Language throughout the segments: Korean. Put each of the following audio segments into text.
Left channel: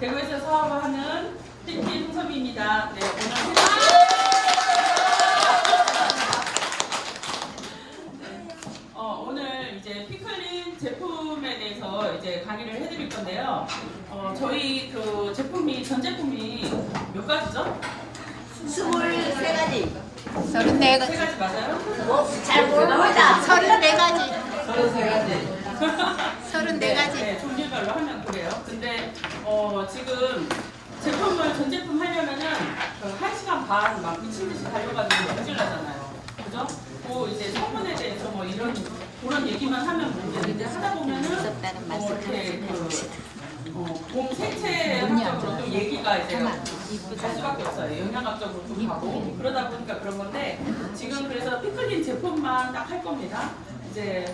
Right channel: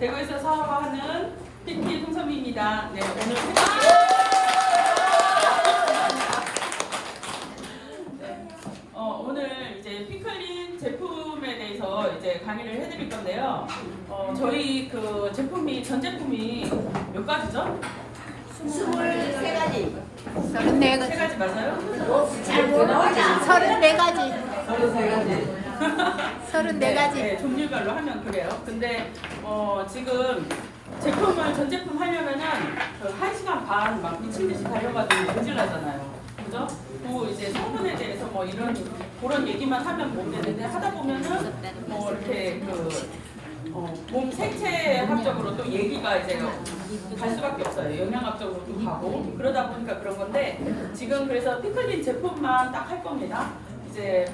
대구에서 사업하는 PT 송섭입니다. 네, 오늘 이제 피클린 제품에 대해서 이제 강의를 해드릴 건데요. 저희 그 제품이 전 제품이 몇 가지죠? 23가지. 34가지. 3가지 맞아요? 잘 모릅니다. 34가지. 33가지. 34가지. 네, 종류별로 하면 그래요. 근데 지금 제품을 전 제품 하려면은 그 1시간 반 막 미친 듯이 달려가지고 모질라잖아요. 그죠? 뭐 이제 성분에 대해서 뭐 이런 그런 얘기만 하면 못 되는데 하다 보면은 이렇게 봄 생체학적으로 또 얘기가 이제 갈 수밖에 없어요. 영양학적으로도 가고 그러다 보니까 그런 건데 지금 그래서 피클린 제품만 딱 할 겁니다. 이제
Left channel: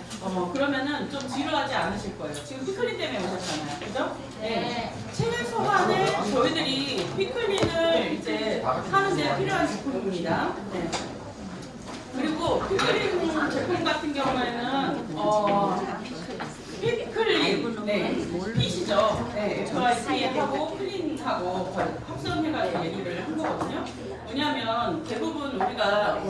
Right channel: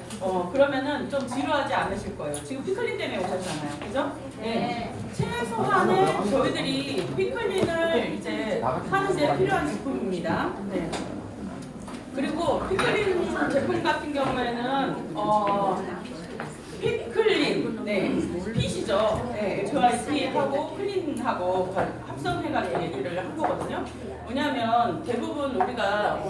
그러면은 좀 지루하지 않으실 거예요. 지금 피클린 때문에 오셨잖아요, 그죠? 네. 최소한의 저희들이 피클린을 이제 하는데 필요한 제품입니다. 네. 그리고 피클린 제품 같은 경우에는 피클린, 네, 핏이죠. 네, FIP하고 클린하고 합성해가지고 얘기를 한 거거든요. 왜냐하면 대부분 우리가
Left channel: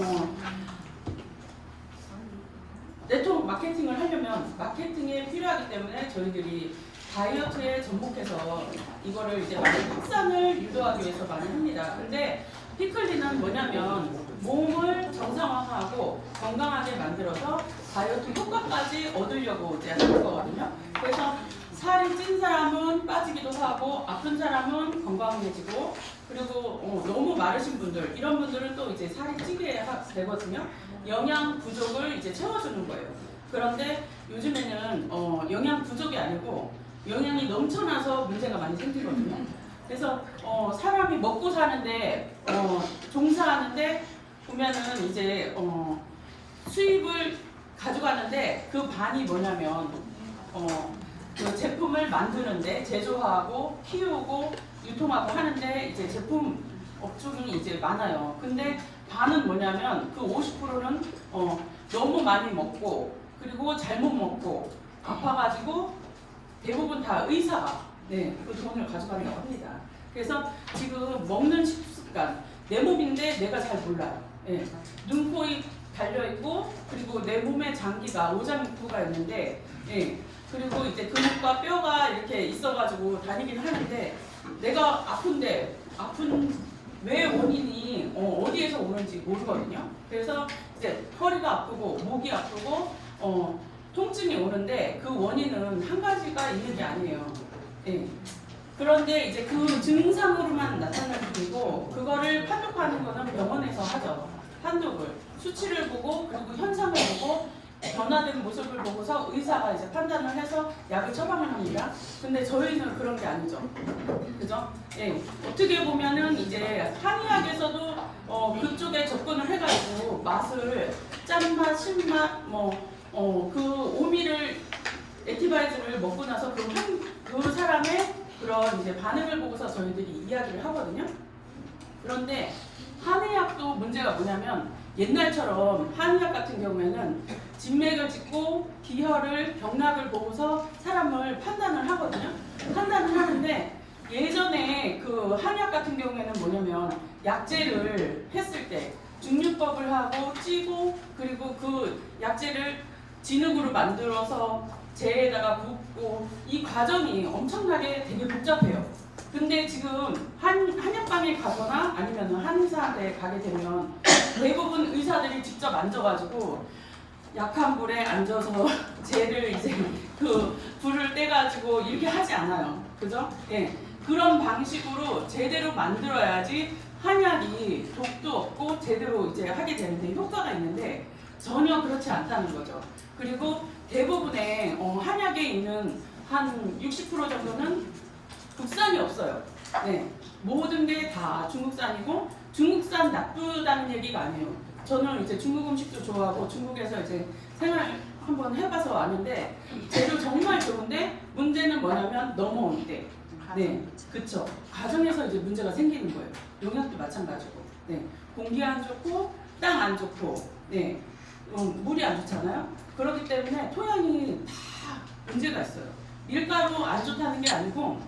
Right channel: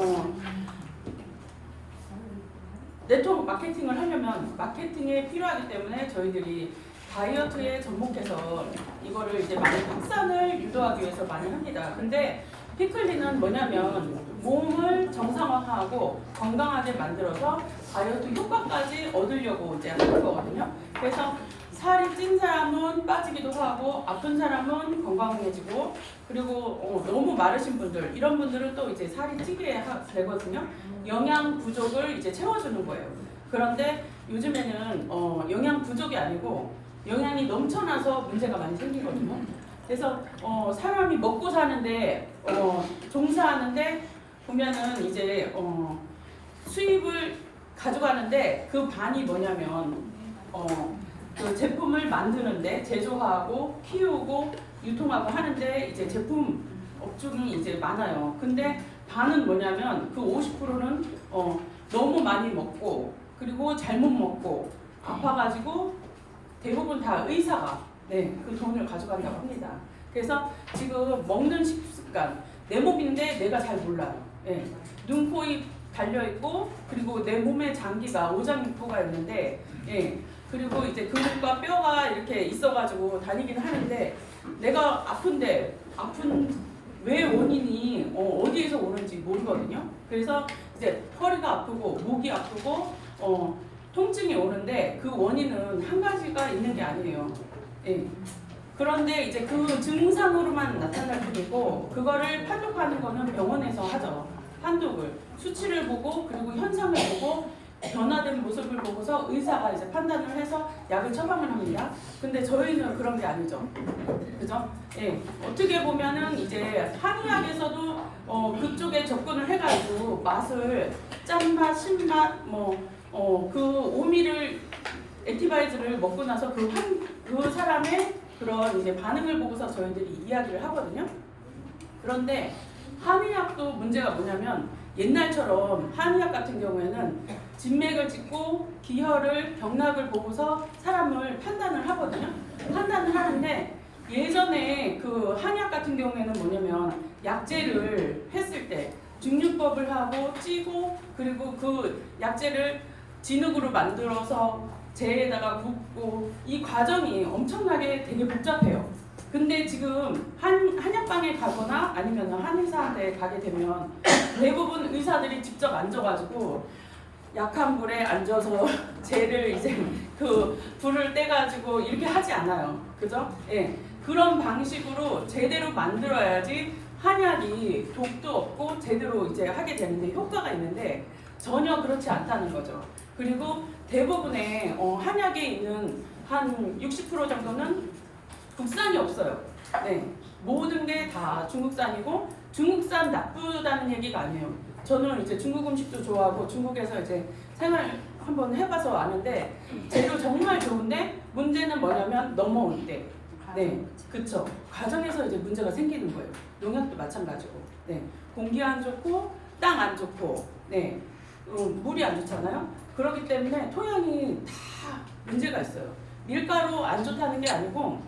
네트워크 마케팅을 하려면 마케팅에 필요하기 때문에 저희들이 다이어트에 접목해서 이거를 이제 많이 확산을 유도하기 위해서 많이 합니다. 근데 피클린은 뭐냐면 몸을 정상화하고 건강하게 만들어서 다이어트 효과까지 얻으려고 이제 하는 거거든요. 그래서 살이 찐 사람은 빠지기도 하고 아픈 사람은 건강해지고 그리고 너무 마르신 분들 이런 분들은 또 이제 살이 찌게 되거든요. 영양 부족을 이제 채워주는 거예요. 그런데 요즘에는 영양 부족이 아니고 영양이 넘쳐나서 문제가 많이 생기거든요. 그래서 사람이 먹고 사는데 종사하는데 보면은 이제 수입을 가져가는데 그 반이 뭐냐면 그 제품을 만드는데 제조하고 키우고 유통하고 하는데 이제 제품 업종이 이제 많아요. 근데 반은 뭐냐면 그 50%는 너무 많이 먹고 그리고 잘못 먹고 아파가지고 대부분 다 의사가 그 돈을 가져간다고 합니다. 그래서 지금 먹는 식습관 내 몸인데 내가 잘 몰라요. 눈, 코, 입 달려있고 그리고 내 몸에 장기가 오장육부가 있는데 그리고 이제 근육과 뼈가 이렇게 있어가지고 다니긴 하는데 내가 아픈데 아픈 왜 원인이 어디에서 오는지 모르거든요. 그래서 이제 허리가 아프고 목이 아프고 통증이 오는데 그 원인은 한 가지가 있는 게 아니에요. 그런데 이제 그 증상으로만 나타날 뿐이고 그거를 판독하는 거는 병원에서 하죠. 판독을 수치를 보고 그리고 현상을 보고 변화된 모습을 보고서 의사가 이제 판단을 해서 약을 처방을 합니다. 근데 저희는 그런 게 아니죠. 그죠? 어떻게 보면은 이제 한의학에서도 그쪽에 접근을 해가지고 맛을 짠맛, 신맛, 그 오미를 에티바이즈를 먹고 나서 그 사람의 그런 이제 반응을 보고서 저희들이 이야기를 하거든요. 그런데 한의학도 문제가 뭐냐면 옛날처럼 한의학 같은 경우에는 진맥을 찍고 기혈을 병락을 보고서 사람을 판단을 하거든요. 판단을 하는데 예전에 그 한의학 같은 경우에는 뭐냐면 약재를 했을 때 중류법을 하고 찌고 그리고 그 약재를 진흙으로 만들어서 재에다가 붓고 이 과정이 엄청나게 되게 복잡해요. 근데 지금 한약방에 가거나 아니면 한의사한테 가게 되면 대부분 의사들이 직접 앉아가지고 약한 불에 앉아서 재를 이제 그 불을 떼가지고 이렇게 하지 않아요. 그죠? 그런 방식으로 제대로 만들어야지 한약이 독도 없고 제대로 이제 하게 되는데 효과가 있는데 전혀 그렇지 않다는 거죠. 그리고 대부분의 한약에 있는 한 60% 정도는 국산이 없어요. 모든 게 다 중국산이고 중국산 나쁘다는 얘기가 아니에요. 저는 이제 중국 음식도 좋아하고 중국에서 이제 생활 한번 해봐서 아는데 재료 정말 좋은데 문제는 뭐냐면 넘어올 때, 그쵸. 과정에서 이제 문제가 생기는 거예요. 농약도 마찬가지고, 공기 안 좋고 땅 안 좋고, 물이 안 좋잖아요. 그렇기 때문에 토양이 다 문제가 있어요. 밀가루 안 좋다는 게 아니고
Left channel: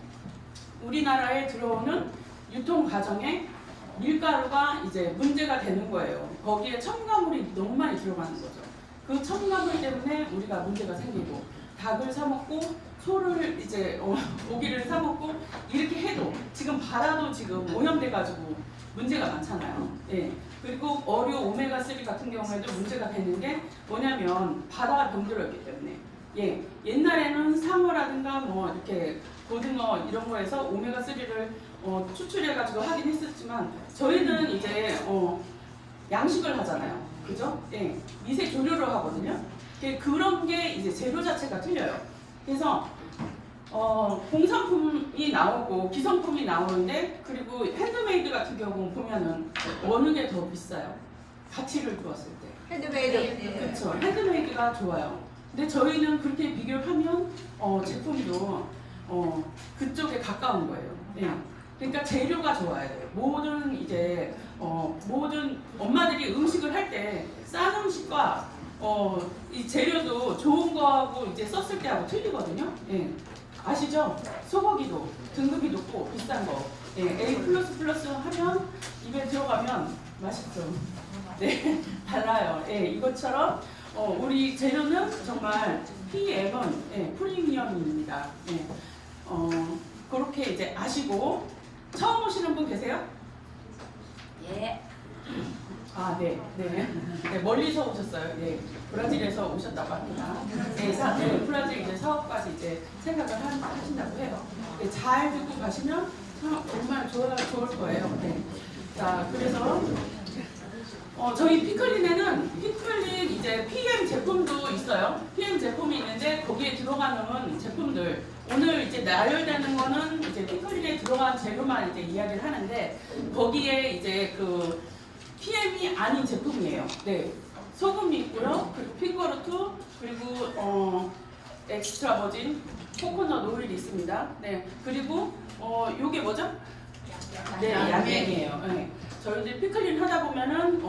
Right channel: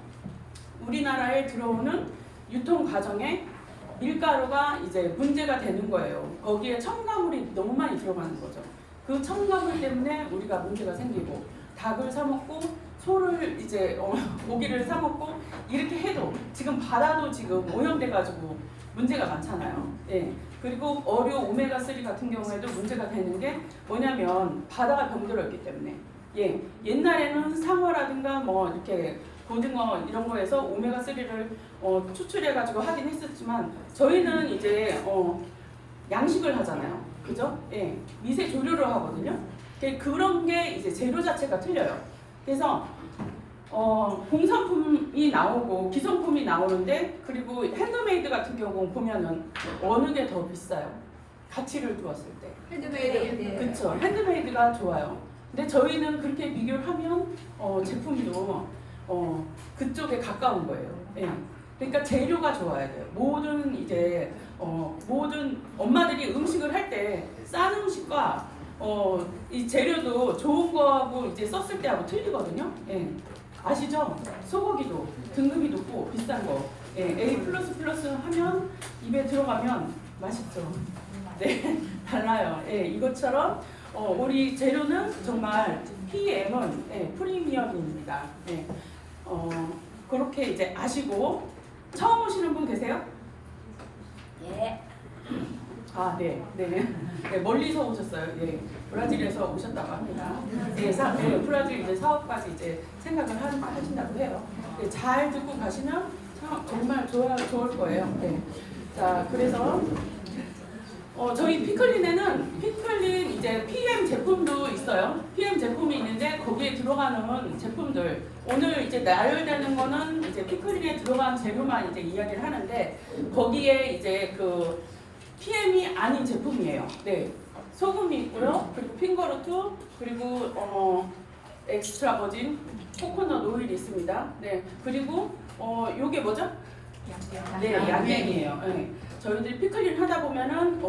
우리나라에 들어오는 유통 과정에 밀가루가 이제 문제가 되는 거예요. 거기에 첨가물이 너무 많이 들어가는 거죠. 그 첨가물 때문에 우리가 문제가 생기고 닭을 사 먹고 소를 이제 고기를 사 먹고 이렇게 해도 지금 바다도 지금 오염돼 가지고 문제가 많잖아요. 예. 그리고 어류 오메가3 같은 경우에도 문제가 되는 게 뭐냐면 바다가 병들었기 때문에 예. 옛날에는 상어라든가 뭐 이렇게 고등어 이런 거에서 오메가3를 추출해 가지고 하긴 했었지만 저희는 이제 양식을 하잖아요. 그죠? 예. 미세 조류를 하거든요. 그런 게 이제 재료 자체가 틀려요. 그래서 공산품이 나오고 기성품이 나오는데 그리고 핸드메이드 같은 경우 보면은 어느 게 더 비싸요? 가치를 두었을 때. 핸드메이드. 그렇죠. 핸드메이드가 좋아요. 근데 저희는 그렇게 비교를 하면 제품도 그쪽에 가까운 거예요. 예. 그러니까 재료가 좋아야 돼요. 모든 엄마들이 음식을 할 때 싼 음식과 이 재료도 좋은 거하고 이제 썼을 때하고 틀리거든요. 예. 아시죠? 소고기도 등급이 높고 비싼 거. 예. A++ 하면 입에 들어가면 맛있죠. 네, 달라요. 예. 이것처럼 우리 재료는 정말 PM은 프리미엄입니다. 예. 그렇게 이제 아시고 처음 오시는 분 계세요? 예. 아, 네, 네, 네, 멀리서 오셨어요. 예, 브라질에서 오셨다고 합니다. 네, 브라질 이제 사업까지 이제 생각을 하신다고 해요. 네, 잘 듣고 가시면 정말 좋을 거예요. 네. 자, 그래서 저희 피클린에는 피클린 이제 PM 제품도 있어요. PM 제품이 있는데 거기에 들어가는 제품들 오늘 이제 나열되는 거는 이제 피클린에 들어간 재료만 이제 이야기를 하는데 거기에 이제 그 PM이 아닌 제품이에요. 네, 소금이 있고요. 그리고 핑거루트 그리고 엑스트라 버진 코코넛 오일이 있습니다. 네, 그리고 요게 뭐죠? 네, 약액이에요. 네. 저희들 피클린 하다 보면은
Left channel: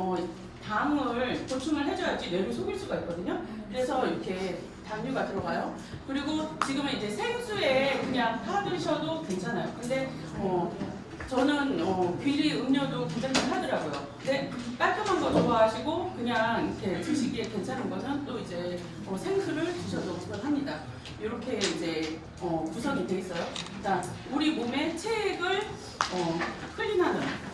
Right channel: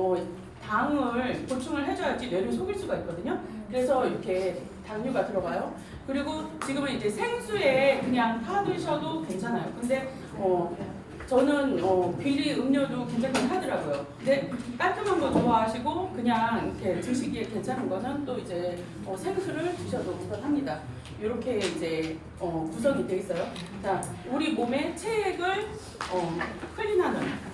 당을 보충을 해줘야지 뇌를 속일 수가 있거든요. 그래서 이렇게 당류가 들어가요. 그리고 지금은 이제 생수에 그냥 타 드셔도 괜찮아요. 근데 저는 비리 음료도 굉장히 하더라고요. 근데 깔끔한 거 좋아하시고 그냥 이렇게 드시기에 괜찮은 거는 또 이제 생수를 드셔도 합니다. 이렇게 이제 구성이 돼 있어요. 자, 우리 몸의 체액을 클린하는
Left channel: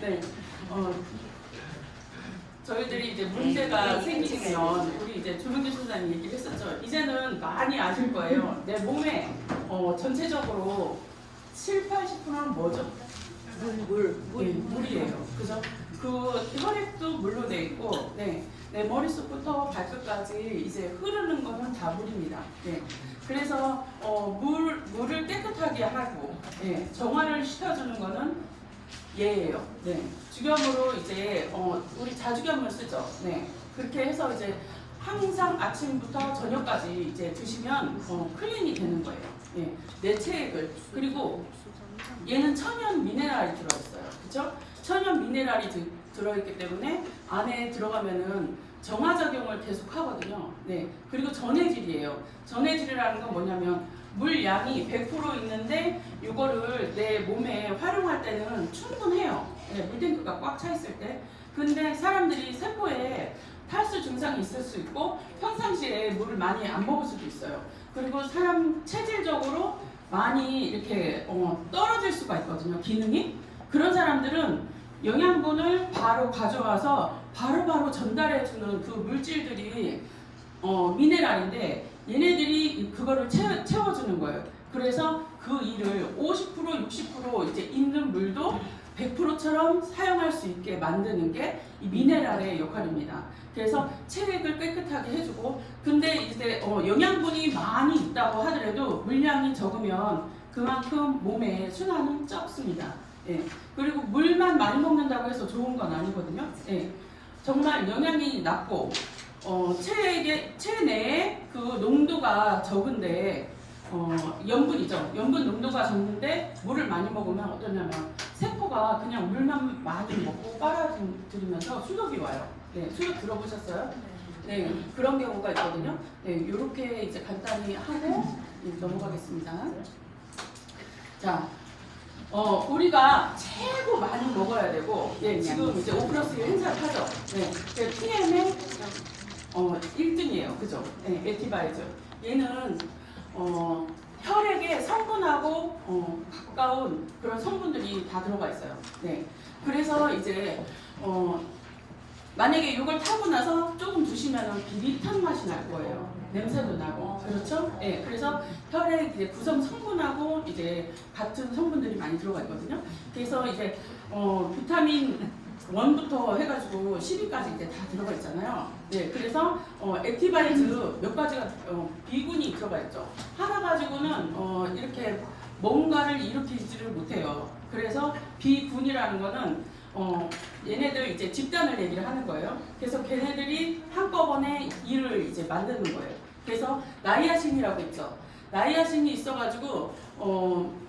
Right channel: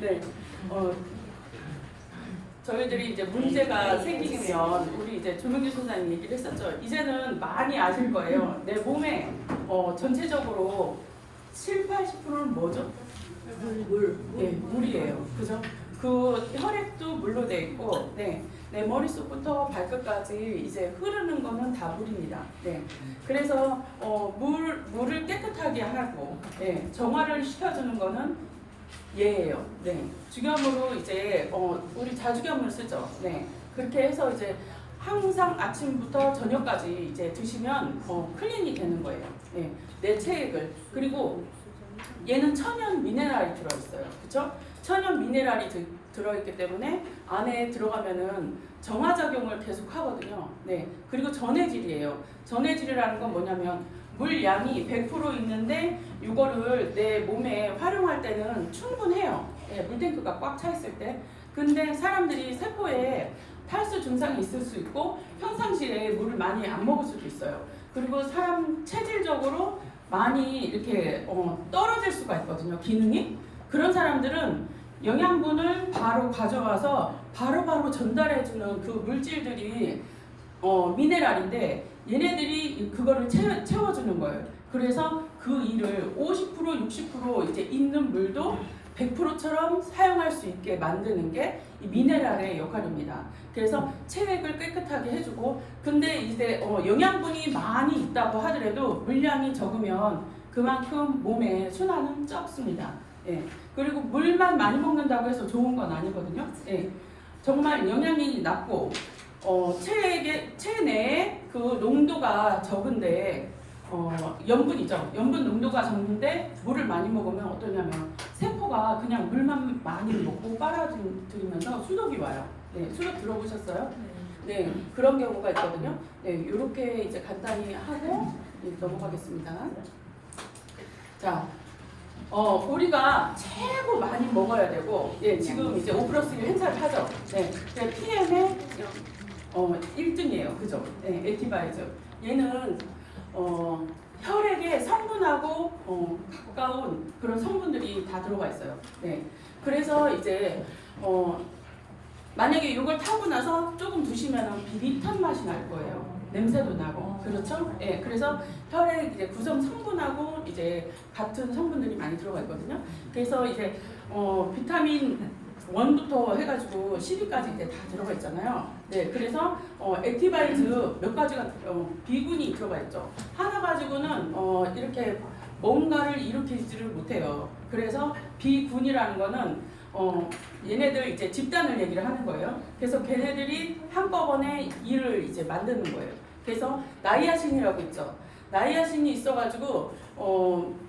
네, 저희들이 이제 문제가 생기면 우리 이제 조명기 선생님 얘기를 했었죠. 이제는 많이 아실 거예요. 내 몸에 전체적으로 7~80%는 뭐죠? 네, 물이에요. 그죠? 그 혈액도 물로 돼 있고, 네, 내 머릿속부터 발끝까지 이제 흐르는 거는 다 물입니다. 네, 그래서 물을 깨끗하게 하고, 네, 정화를 시켜주는 거는 얘예요. 네, 죽염으로 이제 우리 자죽염을 쓰죠. 네, 그렇게 해서 이제 항상 아침부터 저녁까지 이제 드시면 클린이 되는 거예요. 네, 내 체액을. 그리고 얘는 천연 미네랄이 들어있어요. 그렇죠? 천연 미네랄이 들어있기 때문에 안에 들어가면은 정화작용을 계속 하거든요. 네, 그리고 전해질이에요. 전해질이라는 건 뭐냐면 물량이 100% 있는데 이거를 내 몸에 활용할 때는 충분해요. 네, 물탱크가 꽉 차 있을 때. 근데 사람들이 세포에 탈수 증상이 있을 수 있고 평상시에 물을 많이 안 먹을 수도 있어요. 그리고 사람 체질적으로 많이 이렇게 떨어질 수가 있거든요. 기능이. 그런 사람들은 영양분을 바로 가져와서 바로바로 전달해주는 그 물질들이 미네랄인데 얘네들이 그거를 채워주는 거예요. 그래서 그 일을 50% 60% 이제 있는 물도 100%처럼 사용할 수 있게 만드는 게 이 미네랄의 역할입니다. 그래서 체액을 깨끗하게 해주고, 근데 이제 영양분이 많이 있다고 하더라도 물량이 적으면 그만큼 몸의 순환은 적습니다. 예. 그리고 물만 많이 먹는다고 해서 좋은 건 아니거든요. 예. 정말 영양이 낮고 체내에 그 농도가 적은데 염분이죠. 염분 농도가 적는데 물을 많이 먹으면 어떠냐면 세포가 그냥 물만 많이 먹고 빨아들이면서 수독이 와요. 네, 수독 들어보셨어요? 네, 그런 경우가 있거든요. 네, 이렇게 이제 간단히 하고 넘어가겠습니다. 자, 우리가 최고 많이 먹어야 되고, 예, 지금 이제 5+1 행사를 하죠. 네, TM의 1등이에요. 그죠? 네, 에티바이저. 얘는 혈액의 성분하고 가까운 그런 성분들이 다 들어가 있어요. 네, 그래서 이제 만약에 이걸 타고 나서 조금 두시면 비릿한 맛이 날 거예요. 냄새도 나고, 그렇죠? 예, 그래서 혈액 이제 구성 성분하고 이제 같은 성분들이 많이 들어가 있거든요. 그래서 이제 비타민 1부터 해가지고 10위까지 이제 다 들어가 있잖아요. 네, 그래서 액티바이즈 몇 가지가 B군이 들어가 있죠. 하나 가지고는 이렇게 뭔가를 일으키지를 못해요. 그래서 B군이라는 거는 얘네들 이제 집단을 얘기를 하는 거예요. 그래서 걔네들이 한꺼번에 일을 이제 만드는 거예요. 그래서 나이아신이라고 있죠. 나이아신이 있어가지고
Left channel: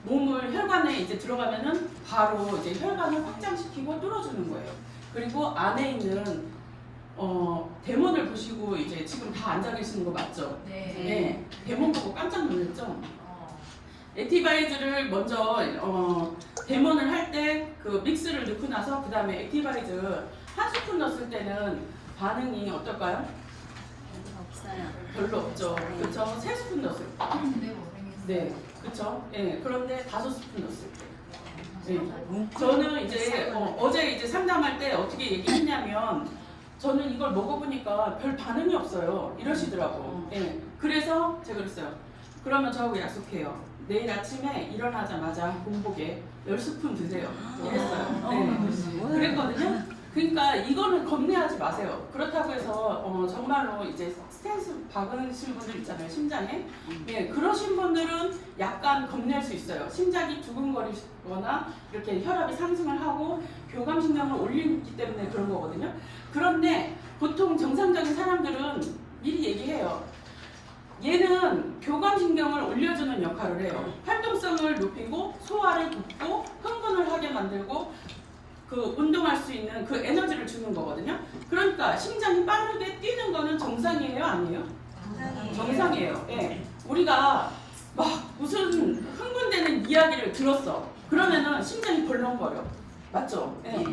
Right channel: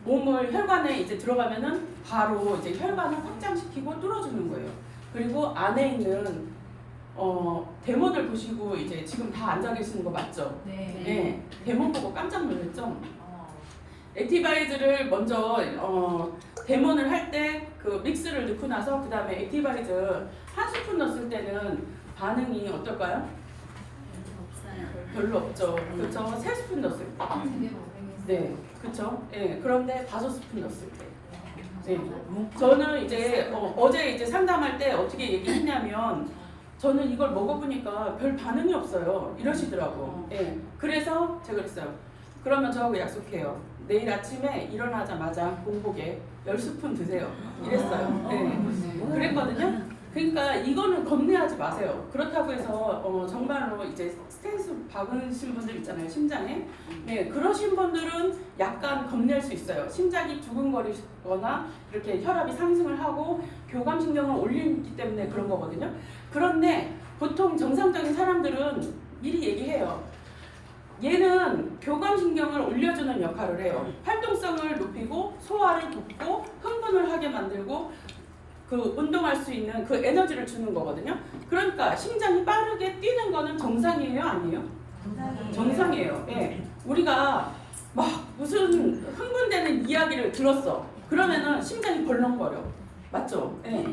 몸을 혈관에 이제 들어가면은 바로 이제 혈관을 확장시키고 뚫어주는 거예요. 그리고 안에 있는 데몬을 보시고 이제 지금 다 앉아 계시는 거 맞죠? 네. 데몬 보고 깜짝 놀랐죠? 액티바이즈를 먼저 데몬을 할 때 그 믹스를 넣고 나서 그 다음에 액티바이즈 한 스푼 넣었을 때는 반응이 어떨까요? 별로 없죠. 그렇죠? 3스푼 넣었을 때. 네, 그렇죠. 예, 그런데 5스푼 넣었을 때. 네. 저는 이제 어제 이제 상담할 때 어떻게 얘기했냐면 저는 이걸 먹어보니까 별 반응이 없어요. 이러시더라고. 예, 그래서 제가 그랬어요. 그러면 저하고 약속해요. 내일 아침에 일어나자마자 공복에 10스푼 드세요. 이랬어요. 네. 그랬거든요. 그러니까 이거는 겁내하지 마세요. 그렇다고 해서 정말로 이제 스탠스 박으신 분들 있잖아요. 심장에. 네, 그러신 분들은 약간 겁낼 수 있어요. 심장이 두근거리거나 이렇게 혈압이 상승을 하고 교감신경을 올리기 때문에 그런 거거든요. 그런데 보통 정상적인 사람들은 미리 얘기해요. 얘는 교감신경을 올려주는 역할을 해요. 활동성을 높이고 소화를 돕고 흥분을 하게 만들고 그 운동할 수 있는 그 에너지를 주는 거거든요. 그러니까 심장이 빠르게 뛰는 거는 정상이에요, 아니에요? 정상이에요. 예. 우리가 막 무슨 흥분되는 이야기를 들었어. 그러면은 심장이 벌렁거려. 맞죠? 예.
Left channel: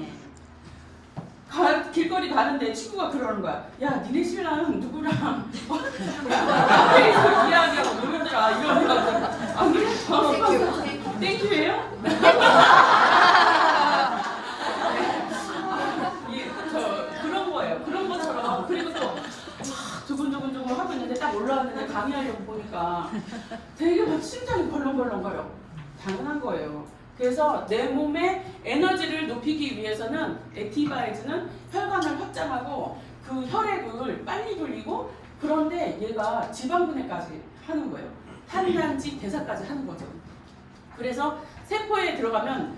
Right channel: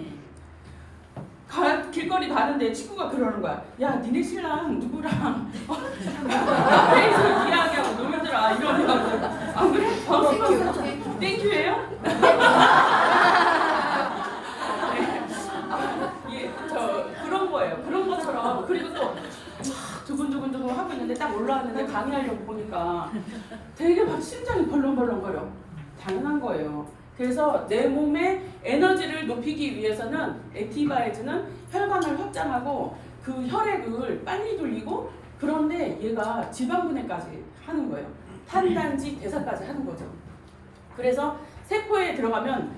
길거리 가는데 친구가 그러는 거야. 야, 니네 신랑 누구랑 카페에서 이야기하고 놀더라 이러면 안 그래? 땡큐예요? 예, 그런 거예요. 그런 것처럼. 그리고 또 두근두근 하고 있는데 딱 올라왔는데 강의하려고 보니까 되게 막 심장이 벌렁벌렁거려. 당연한 거예요. 그래서 내 몸의 에너지를 높이기 위해서는 액티바이즈는 혈관을 확장하고 그 혈액을 빨리 돌리고 그런데 얘가 지방분해까지 하는 거예요. 탄단지 대사까지 하는 거죠. 그래서 세포에 들어가면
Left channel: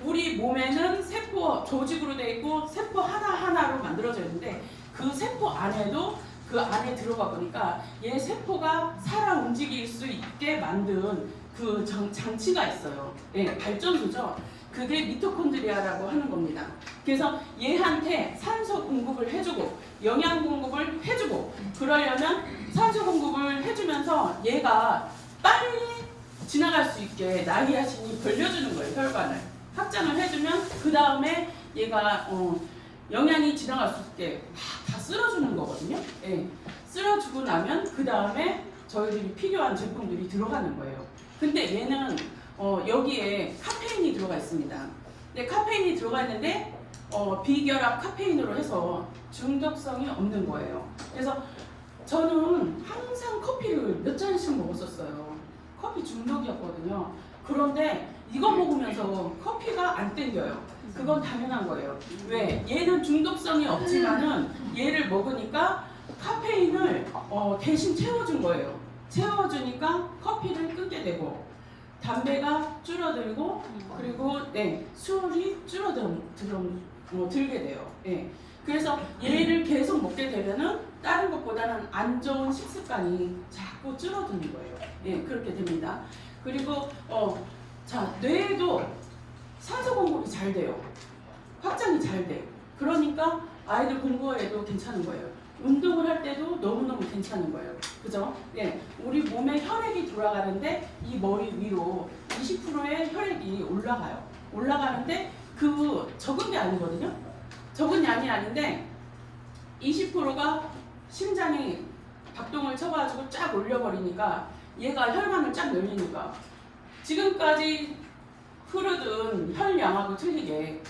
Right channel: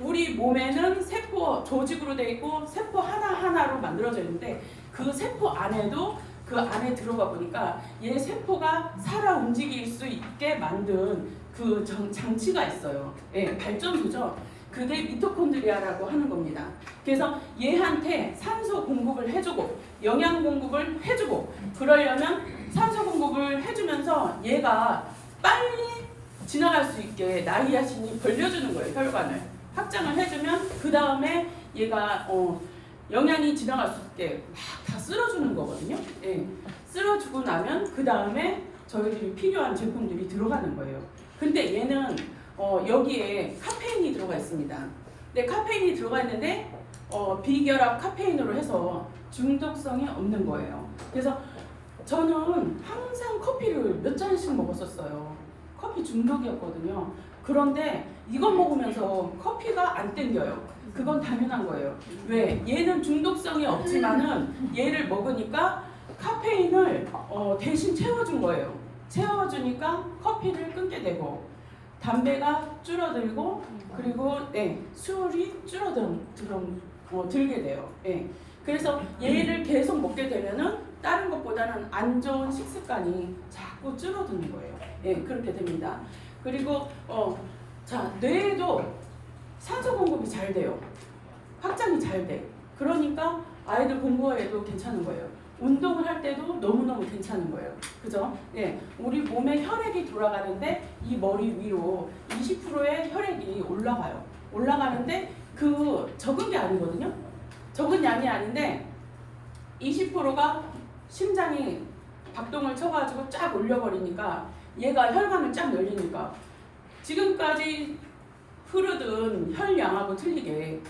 우리 몸에는 세포 조직으로 되어 있고 세포 하나하나로 만들어져 있는데 그 세포 안에도 그 안에 들어가 보니까 얘 세포가 살아 움직일 수 있게 만든 그 장치가 있어요. 예, 발전소죠. 그게 미토콘드리아라고 하는 겁니다. 그래서 얘한테 산소 공급을 해주고 영양 공급을 해주고 그러려면 산소 공급을 해주면서 얘가 빨리 지나갈 수 있게 나이아신이 벌려주는 거예요. 혈관을 확장을 해주면 그 다음에 얘가 영양이 지나갈 수 있게 막 다 쓸어주는 거거든요. 예, 쓸어주고 나면 그 다음에 저희들이 필요한 제품들이 들어가는 거예요. 근데 얘는 여기에 카페인이 들어가 있습니다. 근데 카페인이 들어가 있는데 비결합 카페인으로 해서 중독성이 없는 거예요. 그래서 저는 항상 커피를 몇 잔씩 먹었었어요. 커피 중독이었거든요. 그런데 이거 먹으면서 커피가 안 땡겨요. 그건 당연한 거예요. 왜? 얘는 중독성이 없지만은 얘를 먹으니까 카페인을 대신 채워준 거예요. 채워주니까 커피를 끊게 되고 담배가 줄어들고 그리고 술이 들게 돼요. 예. 그래서 얘를 계속 먹게 되면은 다른 것보다는 안 좋은 식습관이 자꾸 줄어드는 거예요. 예, 그렇게 됩니다. 그리고 자, 뇌에도 산소 공급이 잘 돼요. 확장이 잘 돼요. 그러니까 아이들 공부에도 괜찮은 거예요. 운동을 할 때도 너무너무 괜찮은 거예요. 그죠? 예, 우리 몸에 혈액이 돌아가는데 이 머리 위로 20%의 혈액이 올라가요. 올라가는데 그 적은 게 아니거든요. 적은 양이 아닌데 20%가 심장이 박동을 쳐가지고 쫙 올려버리니까 얘가 혈관을 쫙 열리니까 지금까지 흐르던 혈량하고 틀리게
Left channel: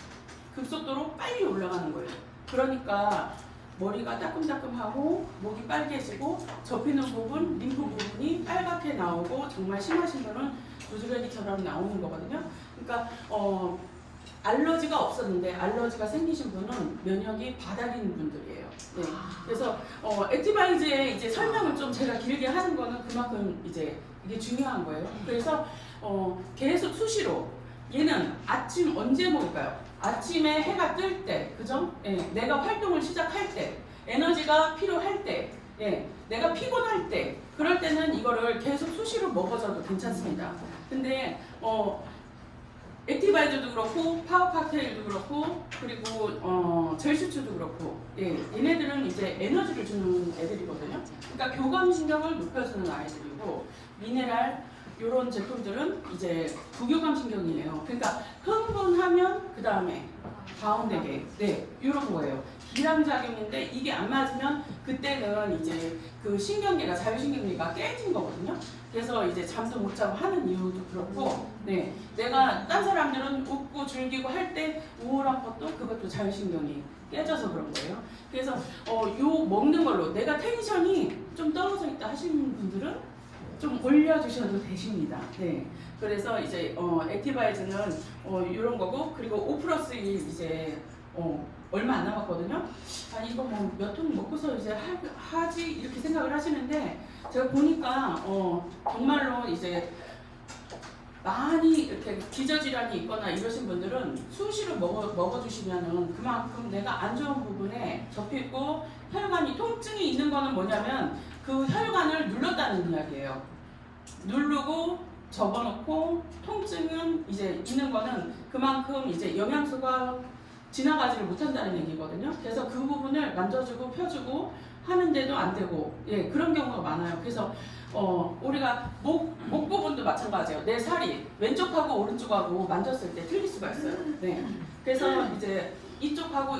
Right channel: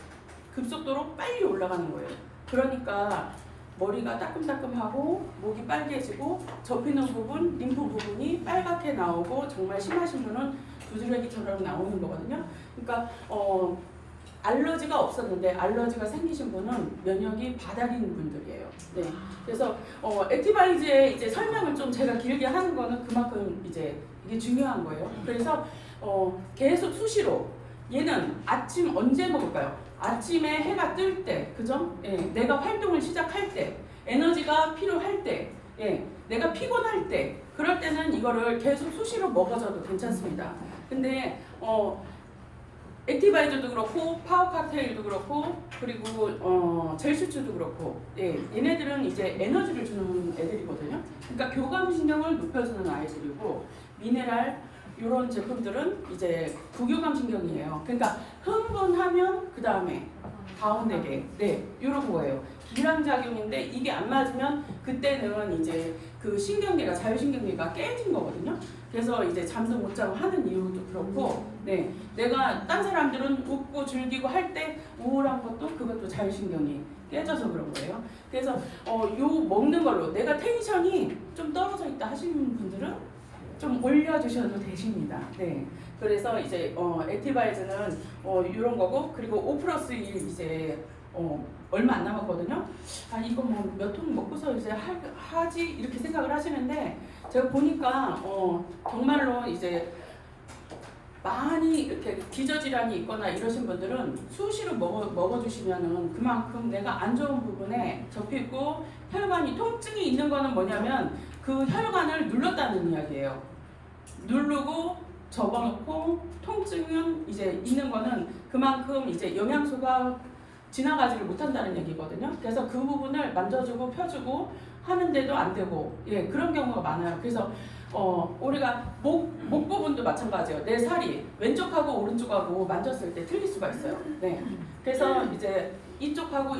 급속도로 빨리 올라가는 거예요. 그러니까 머리가 따끔따끔하고 목이 빨개지고 접히는 부분, 림프 부분이 빨갛게 나오고 정말 심하신 분은 두드러기처럼 나오는 거거든요. 그러니까 알러지가 없었는데 알러지가 생기신 분은 면역이 바닥인 분들이에요. 네. 그래서 액티바이즈의 이제 설명을 좀 제가 길게 하는 거는 그만큼 이제 이게 중요한 거예요. 그래서 계속 수시로 얘는 아침 언제 먹을까요? 아침에 해가 뜰 때, 그죠? 예, 내가 활동을 시작할 때, 에너지가 필요할 때, 예, 내가 피곤할 때, 그럴 때는 이거를 계속 수시로 먹어줘도 괜찮습니다. 근데 액티바이저도 그렇고 파워 칵테일도 그렇고 그리고 젤슈츠도 그렇고 예, 얘네들은 이제 에너지를 주는 애들이거든요. 그러니까 교감신경을 높여주는 아이들이고 미네랄 이런 제품들은 이제 부교감신경이에요. 그러니까 흥분하면 그 다음에 다운되게 네 이런 거예요. 기량작용인데 이게 안 맞으면 그때는 이제 그 신경계가 자율신경계가 깨진 거거든요. 그래서 이제 잠도 못 자고 하는 이유도 그렇고, 네, 내가 딴 사람들은 웃고 즐기고 할 때 우울한 것도 그것도 자율신경이 깨져서 그런 거예요. 그래서 요 먹는 걸로 내가 텐션이 좀 떨어져 있다 하시는 분들은 좀 올려주셔도 되십니다. 네, 그래서 이제 액티바이즈는 이런 거고 그리고 5+1 이제 얼마 안 남았거든요. 아 이거 뭐 몇 통 먹고서 이제 하지 이렇게 생각을 하시는데 제가 보니까 정말로 이제 많이 이렇게 기저질환이 있거나 이러신 분들은 수시로 먹어주시면은 그만큼 내가 안 좋은 부분에 접히고 혈관이 통증이 있는 거는 뭐냐면 그 혈관을 눌렀다는 이야기예요. 누르고 접어놓고 통증은 이제 있는 거는 그만큼 이제 영양소가 지나가지를 못한다는 얘기거든요. 그래서 그 부분을 만져주고 펴주고 하는데도 안 되고 예 그런 경우가 많아요. 그래서 우리가 목 부분도 마찬가지예요. 내 살이 왼쪽하고 오른쪽하고 만졌을 때 틀릴 수가 있어요. 네. 그래서 이제 이쪽하고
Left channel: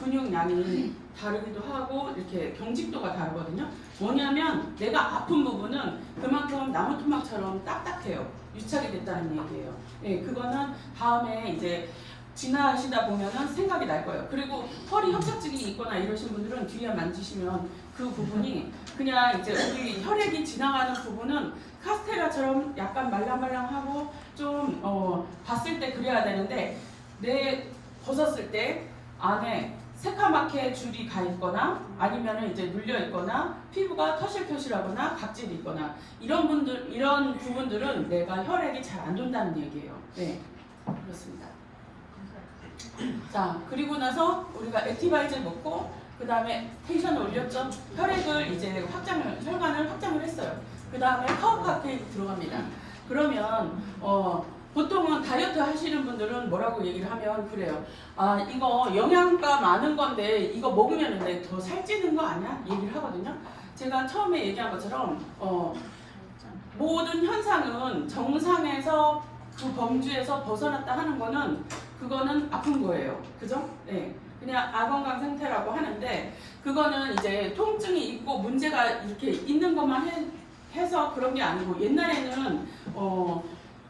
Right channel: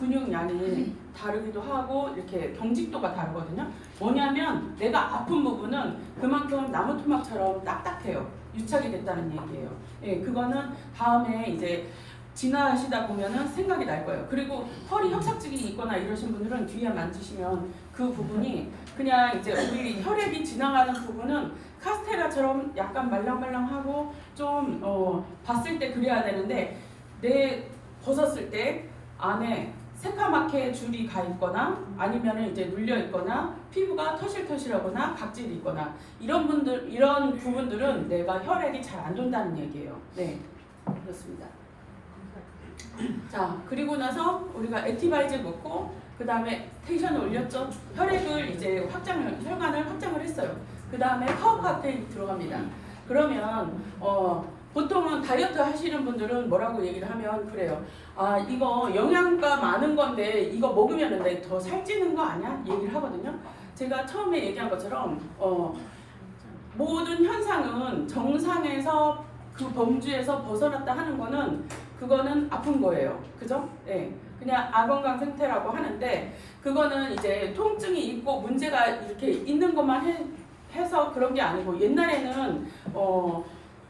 근육량이 다르기도 하고 이렇게 경직도가 다르거든요. 뭐냐면 내가 아픈 부분은 그만큼 나무 토막처럼 딱딱해요. 유착이 됐다는 얘기예요. 예, 그거는 다음에 이제 지나시다 보면은 생각이 날 거예요. 그리고 허리 협착증이 있거나 이러신 분들은 뒤에 만지시면 그 부분이 그냥 이제 우리 혈액이 지나가는 부분은 카스테라처럼 약간 말랑말랑하고 좀 봤을 때 그래야 되는데 내 벗었을 때 안에 새카맣게 줄이 가 있거나 아니면은 이제 눌려 있거나 피부가 터실터실하거나 각질이 있거나 이런 부분들은 내가 혈액이 잘 안 돈다는 얘기예요. 네, 그렇습니다. 자, 그리고 나서 우리가 액티바이즈 먹고 그 다음에 텐션을 올렸죠. 혈액을 이제 혈관을 확장을 했어요. 그 다음에 파워 칵테일 들어갑니다. 그러면 보통은 다이어트 하시는 분들은 뭐라고 얘기를 하면 그래요. 아 이거 영양가 많은 건데 이거 먹으면 내 더 살찌는 거 아니야? 얘기를 하거든요. 제가 처음에 얘기한 것처럼 모든 현상은 정상에서 그 범주에서 벗어났다 하는 거는 그거는 아픈 거예요. 그죠? 네. 그냥 아건강 상태라고 하는데 그거는 이제 통증이 있고 문제가 이렇게 있는 것만 해서 그런 게 아니고 옛날에는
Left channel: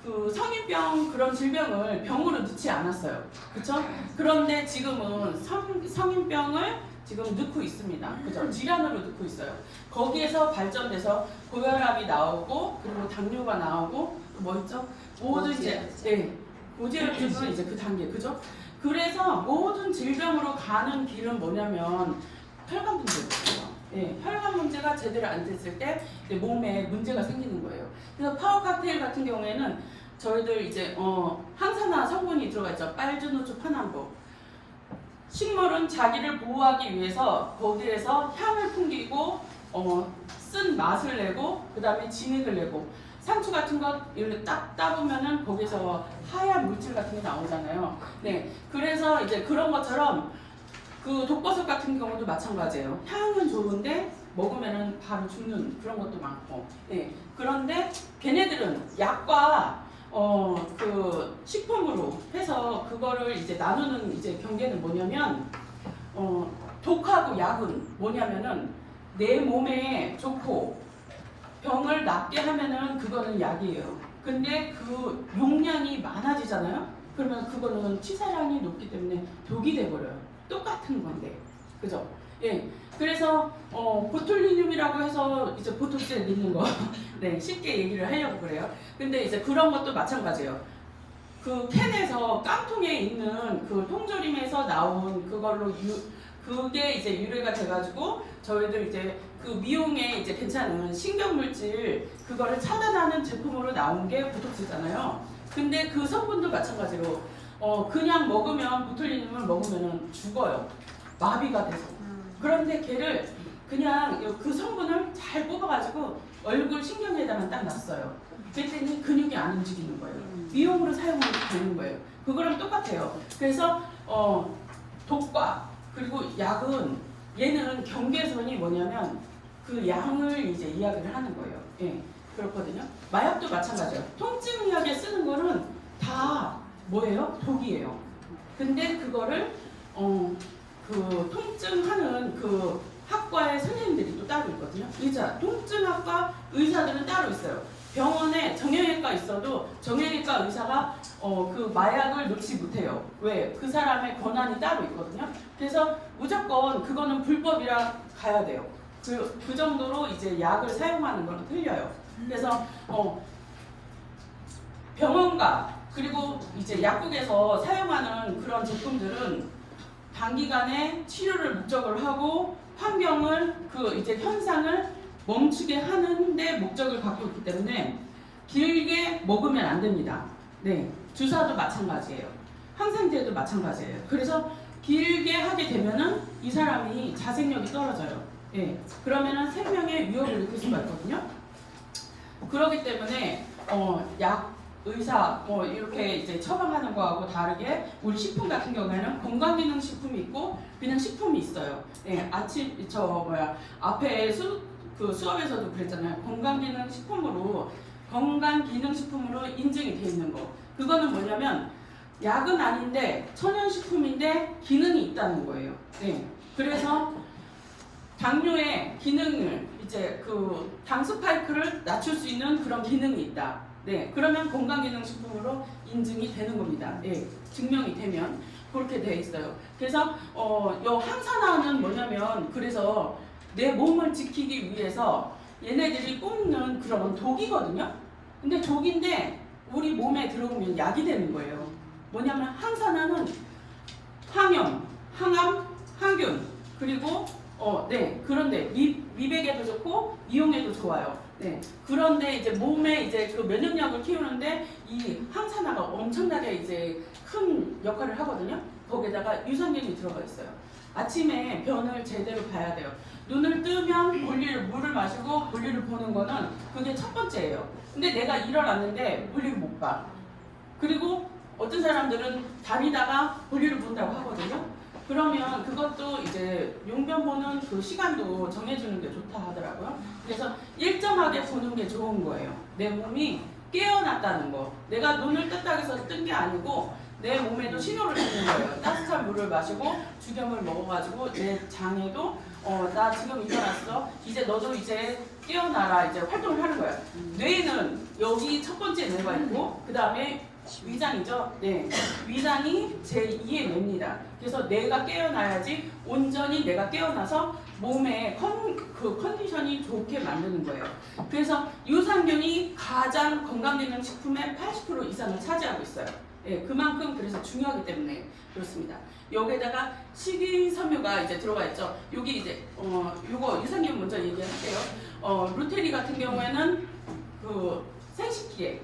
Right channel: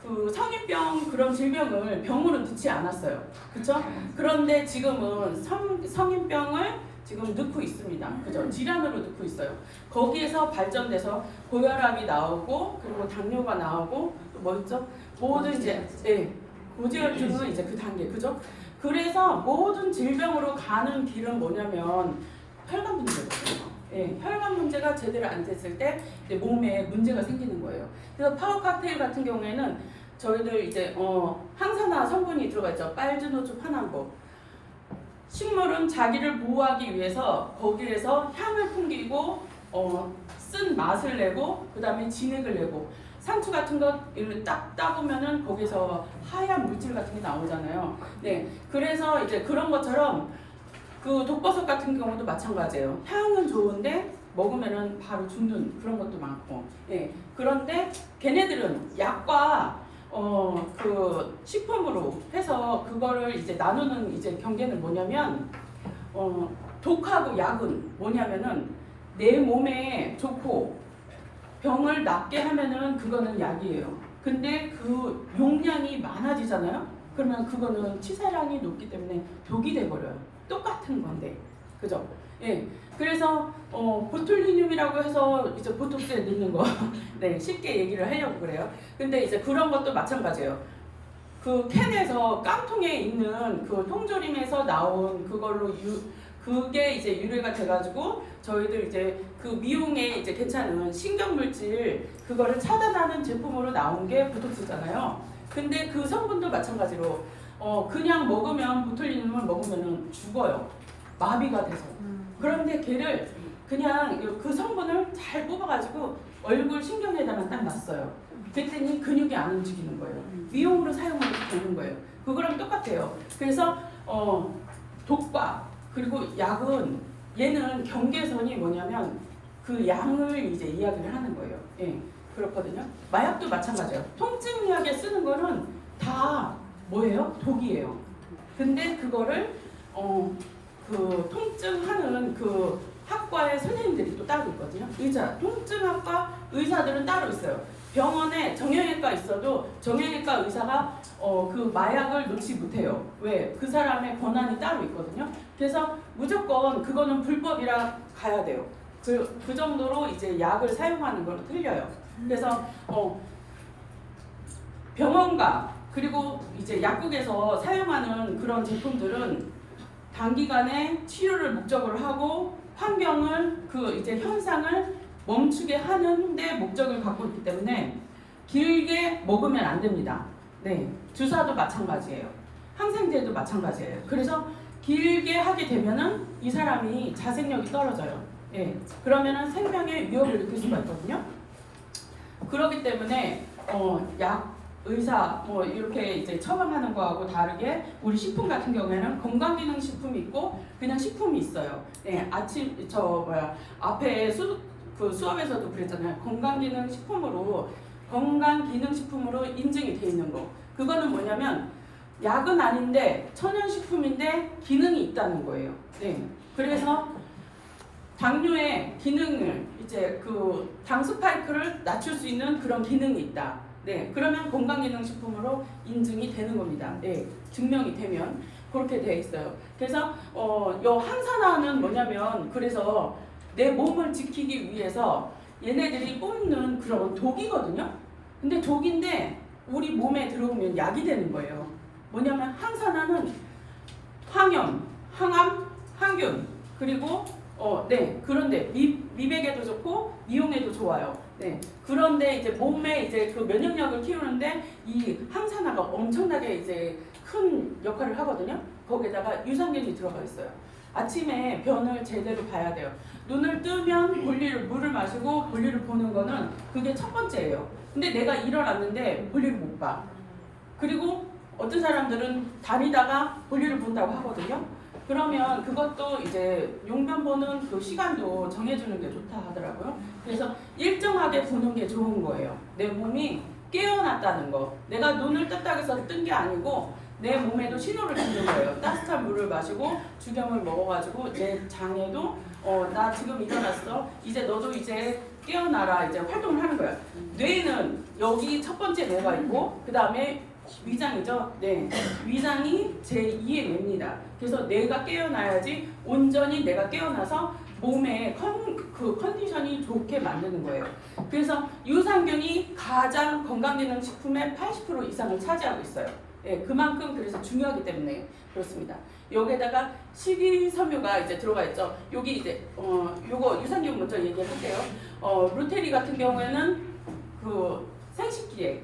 그 성인병 그런 질병을 병으로 넣지 않았어요. 그쵸? 그런데 지금은 성인병을 지금 넣고 있습니다. 그죠? 질환으로 넣고 있어요. 거기에서 발전돼서 고혈압이 나오고 그리고 당뇨가 나오고 뭐 있죠? 모든 이제 네. 고지혈증은 이제 그 단계. 그죠? 그래서 모든 질병으로 가는 길은 뭐냐면 혈관 문제거든요. 예, 혈관 문제가 제대로 안 됐을 때 몸에 문제가 생기는 거예요. 그래서 파워 칵테일 같은 경우에는 저희들 이제 항산화 성분이 들어가 있죠. 빨주노초 파남보. 식물은 자기를 보호하기 위해서 거기에서 향을 풍기고 쓴 맛을 내고 그 다음에 진액을 내고 상추 같은 거 이렇게 딱 따보면은 거기서 하얀 물질 같은 게 나오잖아요. 네, 그래서 이제 그런 것처럼 그 독버섯 같은 경우도 마찬가지예요. 향은 좋은데 먹으면은 바로 죽는 그런 것도 많고. 예. 그런데 걔네들은 약과 그 식품으로 해서 그거를 이제 나누는 이제 경계는 뭐냐면 독하고 약은 뭐냐면은 내 몸에 좋고 병을 낫게 하면은 그거는 약이에요. 근데 그 용량이 많아지잖아요. 그러면 그거는 치사량이 높기 때문에 독이 돼버려요. 똑같은 건데, 그죠? 예. 그래서 보툴리늄이라고 해서 이제 보톡스에 넣는 거, 네, 쉽게 얘기를 하려고 그래요. 근데 이제 그런 것도 마찬가지예요. 그 캔에서 깡통에 있는 그 통조림에서 나온 그걸로 그게 이제 유래가 돼가지고 저희들 이제 그 미용에 이제 괜찮은 신경물질 그거를 차단하는 제품으로 나온 게 보톡스잖아요. 근데 그 성분도 마찬가지로 그냥 먹으면 보툴리늄을 먹으면은 죽어요. 마비가 돼서. 그런데 걔를 그냥 그 성분을 잘 뽑아가지고 얼굴 신경에다만 딱 놨어요. 그랬더니 근육이 안 움직이는 거예요. 미용으로 사용하면 되는 거예요. 그거랑 똑같아요. 그래서 독과 그리고 약은 얘는 경계선이 뭐냐면 그 양을 이제 이야기를 하는 거예요. 예, 그렇거든요. 마약도 마찬가지예요. 통증 약에 쓰는 거는 다 뭐예요? 독이에요. 근데 그거를 그 통증하는 그 학과의 선생님들이 또 따로 있거든요. 통증학과 의사들은 따로 있어요. 병원에 정형외과 있어도 정형외과 의사가 그 마약을 놓지 못해요. 왜? 그 사람의 권한이 따로 있거든요. 그래서 무조건 그거는 불법이라 가야 돼요. 그 정도로 이제 약을 사용하는 건 틀려요. 그래서 병원과 그리고 이제 약국에서 사용하는 그런 제품들은 단기간에 치료를 목적으로 하고 환경을 그 이제 현상을 멈추게 하는데 목적을 갖고 있기 때문에 길게 먹으면 안 됩니다. 네, 주사도 마찬가지예요. 항생제도 마찬가지예요. 그래서 길게 하게 되면은 이 사람이 자생력이 떨어져요. 예, 그러면은 생명에 위협을 일으킬 수가 있거든요. 그렇기 때문에 약 의사 이렇게 이제 처방하는 거하고 다르게 우리 식품 같은 경우에는 건강기능식품이 있고 그냥 식품이 있어요. 네, 앞에 그 수업에서도 그랬잖아요. 건강기능식품으로 인증이 돼 있는 거. 그거는 뭐냐면 약은 아닌데 천연식품인데 기능이 있다는 거예요. 네, 그래서 당뇨의 기능을 이제 그 당 스파이크를 낮출 수 있는 그런 기능이 있다. 네, 그러면 건강기능식품으로 인증이 되는 겁니다. 네, 증명이 되면 그렇게 돼 있어요. 그래서 요 항산화는 뭐냐면 그래서 내 몸을 지키기 위해서 얘네들이 뽑는 그런 독이거든요. 근데 독인데 우리 몸에 들어오면 약이 되는 거예요. 뭐냐면 항산화는 항염, 항암, 항균 그리고 네, 그런데 미백에도 좋고 미용에도 좋아요. 네, 그런데 이제 몸에 이제 그 면역력을 키우는데 이 항산화가 엄청나게 이제 큰 역할을 하거든요. 거기에다가 유산균이 들어가 있어요. 아침에 변을 제대로 봐야 돼요. 눈을 뜨면 물을 마시고 볼일을 보는 거는 그게 첫 번째예요. 근데 내가 일어났는데 볼일을 못 봐. 그리고 어떤 사람들은 다니다가 볼일을 본다고 하거든요. 그러면 그것도 이제 용변 보는 그 시간도 정해주는 게 좋다 하더라고요. 그래서 일정하게 보는 게 좋은 거예요. 내 몸이 깨어났다는 거. 내가 눈을 떴다고 해서 뜬 게 아니고 내 몸에도 신호를 주는 거예요. 따뜻한 물을 마시고 주경을 먹어가지고 내 장에도 나 지금 일어났어. 이제 너도 이제 깨어나라. 이제 활동을 하는 거예요. 뇌는 여기 첫 번째 뇌가 있고 그 다음에 위장이죠. 네, 위장이 제2의 뇌입니다. 그래서 내가 깨어나야지 온전히 내가 깨어나서 몸의 그 컨디션이 좋게 만드는 거예요. 그래서 유산균이 가장 건강기능식품의 80% 이상을 차지하고 있어요. 예, 그만큼 그래서 중요하기 때문에 그렇습니다. 여기에다가 식이섬유가 이제 들어가 있죠. 여기 이제 요거 유산균 먼저 얘기할게요. 루테리 같은 경우에는 그 생식기에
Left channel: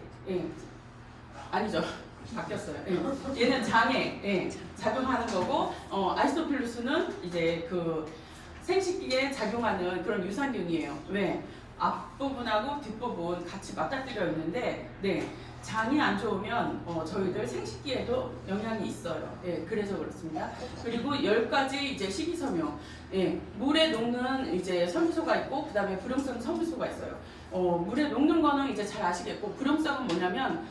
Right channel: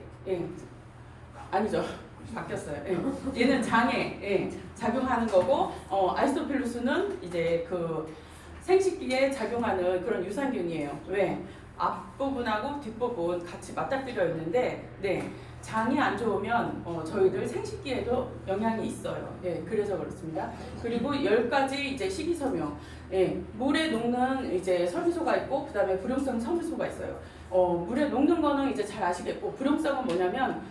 아니죠. 바뀌었어요. 예. 얘는 장에 작용하는 거고 아이소필루스는 이제 그 생식기에 작용하는 그런 유산균이에요. 왜? 앞부분하고 뒷부분 같이 맞닥뜨려 있는데 장이 안 좋으면 저희들 생식기에도 영향이 있어요. 그래서 그렇습니다. 그리고 10가지 이제 식이섬유, 물에 녹는 이제 섬유소가 있고 그다음에 불용성 섬유소가 있어요. 물에 녹는 거는 이제 잘 아시겠고 불용성은 뭐냐면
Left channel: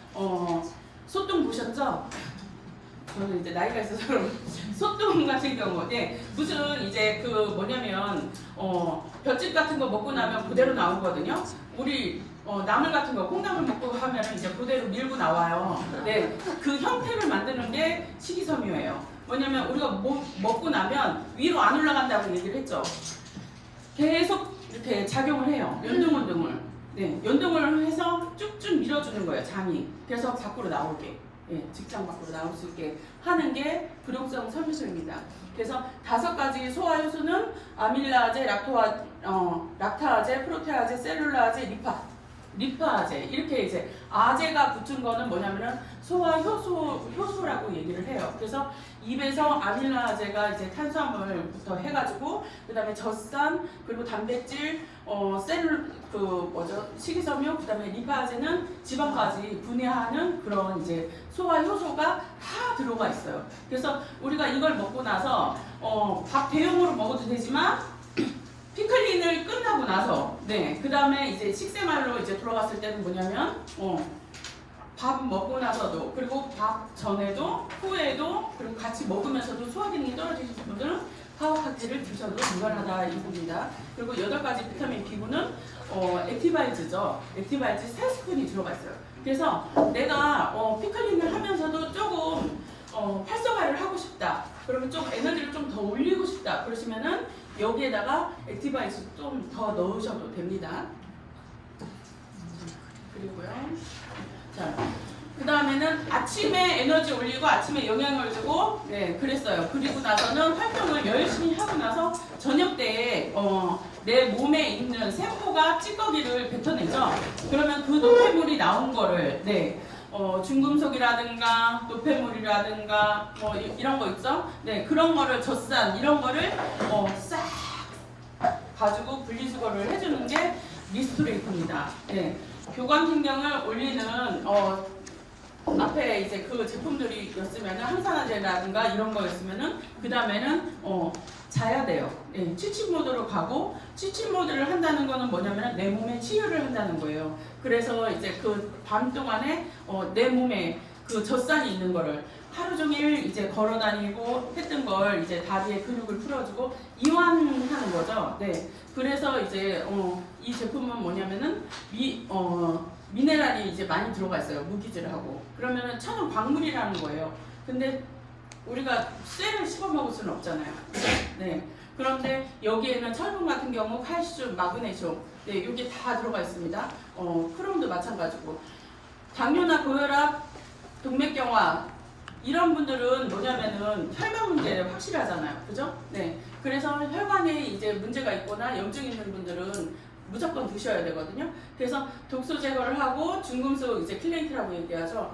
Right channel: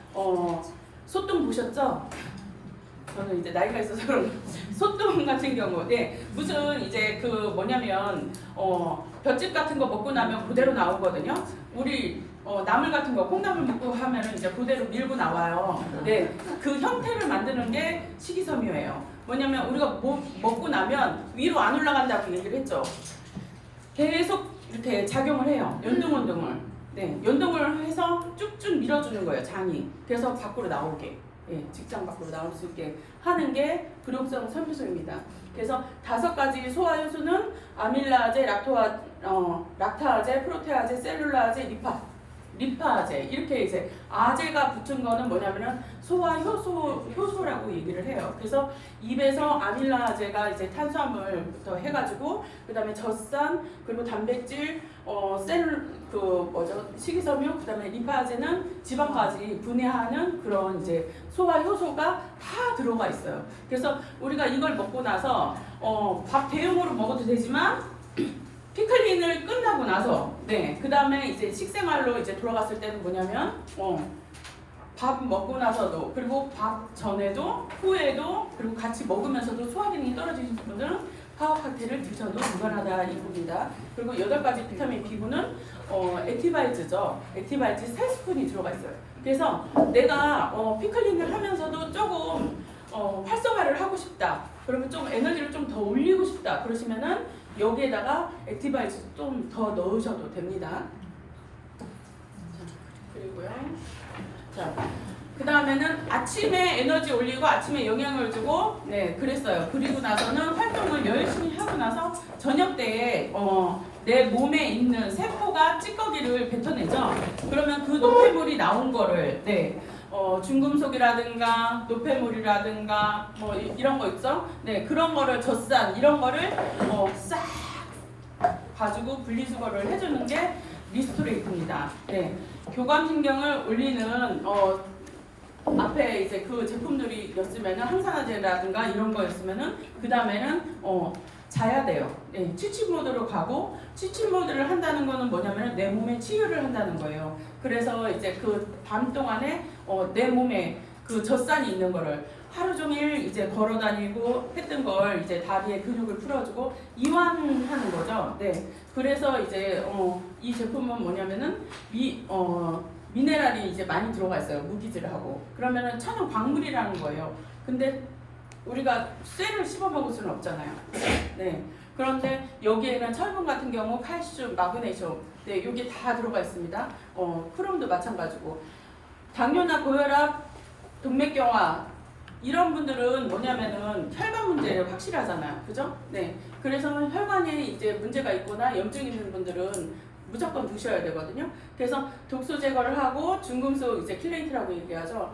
소똥 보셨죠? 저는 이제 나이가 있어서 그런 소똥 같은 경우, 무슨 이제 그 뭐냐면 볏짚 같은 거 먹고 나면 그대로 나오거든요. 우리 나물 같은 거 콩나물 먹고 하면은 이제 그대로 밀고 나와요. 그 형태를 만드는 게 식이섬유예요. 뭐냐면 우리가 먹고 나면 위로 안 올라간다고 얘기를 했죠. 계속 이렇게 작용을 해요. 연등운동을. 연동을 해서 쭉쭉 밀어주는 거예요, 장이. 그래서 밖으로 나오게. 직장 밖으로 나올 수 있게 하는 게 불용성 섬유소입니다. 그래서 5가지 소화효소는 아밀라제, 락타아제, 프로테아제, 셀룰라제, 리파아제 이렇게 이제 아제가 붙은 거는 뭐냐면은 효소라고 얘기를 해요. 그래서 입에서 아밀라제가 이제 탄수화물부터 해가지고 그다음에 젖산 그리고 단백질, 식이섬유 그다음에 리파아제는 지방까지 분해하는 그런 이제 소화 효소가 다 들어가 있어요. 그래서 우리가 이걸 먹고 나서 밥 대용으로 먹어도 되지만 피클린을 끝나고 나서 그 다음에 이제 식생활로 이제 돌아갔을 때는 뭐냐면 밥 먹고 나서도 그리고 밥 전에도 후에도 그리고 같이 먹으면서도 소화 기능이 떨어지신 분들은 파워파티를 드셔도 무관하다 이겁니다. 그리고 8가지 비타민 B군은 액티바이즈죠. 액티바이즈 3스푼이 들어가 있어요. 그래서 내가 피클링을 하면서도 조금 활성화를 하고 싶다. 그러면 좀 에너지를 좀 더 올리고 싶다. 그러시면은 여기에다가 액티바이즈 좀 더 넣으셔도 됩니다. 그리고요. 자, 그 다음에는 아침에 에너지 올리고 아침에 영양을 주고 그랬어요. 그리고 나서는 활동을 열심히 하고 나서 저녁 때에 내 몸에 있는 세포가 찌꺼기를 뱉어내죠. 그러면 그 노폐물이 나온 거를 중금속이라든가 노폐물이라든가 뭐 이런 거 있죠. 그런 거를 젖산 이런 거를 싹 가지고 분리수거를 해주는 게 리스토레이트입니다. 교감신경을 올리는 앞에 이제 그 제품들이었으면은 항산화제라든가 이런 거였으면은 그 다음에는 자야 돼요. 취침 모드로 가고 취침 모드를 한다는 거는 뭐냐면은 내 몸에 치유를 한다는 거예요. 그래서 이제 그 밤 동안에 내 몸에 그 젖산이 있는 거를 하루 종일 이제 걸어 다니고 했던 걸 이제 다리에 근육을 풀어주고 이완하는 거죠. 그래서 이제 이 제품은 뭐냐면은 미네랄이 이제 많이 들어가 있어요. 무기질을 하고. 그러면은 천연 광물이라는 거예요. 근데 우리가 쇠를 씹어 먹을 수는 없잖아요. 그런데 여기에는 철분 같은 경우 칼슘, 마그네슘, 여기 다 들어가 있습니다. 크롬도 마찬가지고. 당뇨나 고혈압, 동맥경화 이런 분들은 뭐냐면은 혈관 문제를 확실히 하잖아요. 그죠? 그래서 혈관에 이제 문제가 있거나 염증 있는 분들은 무조건 드셔야 되거든요. 그래서 독소 제거를 하고 중금속 이제 킬레이트라고 얘기하죠.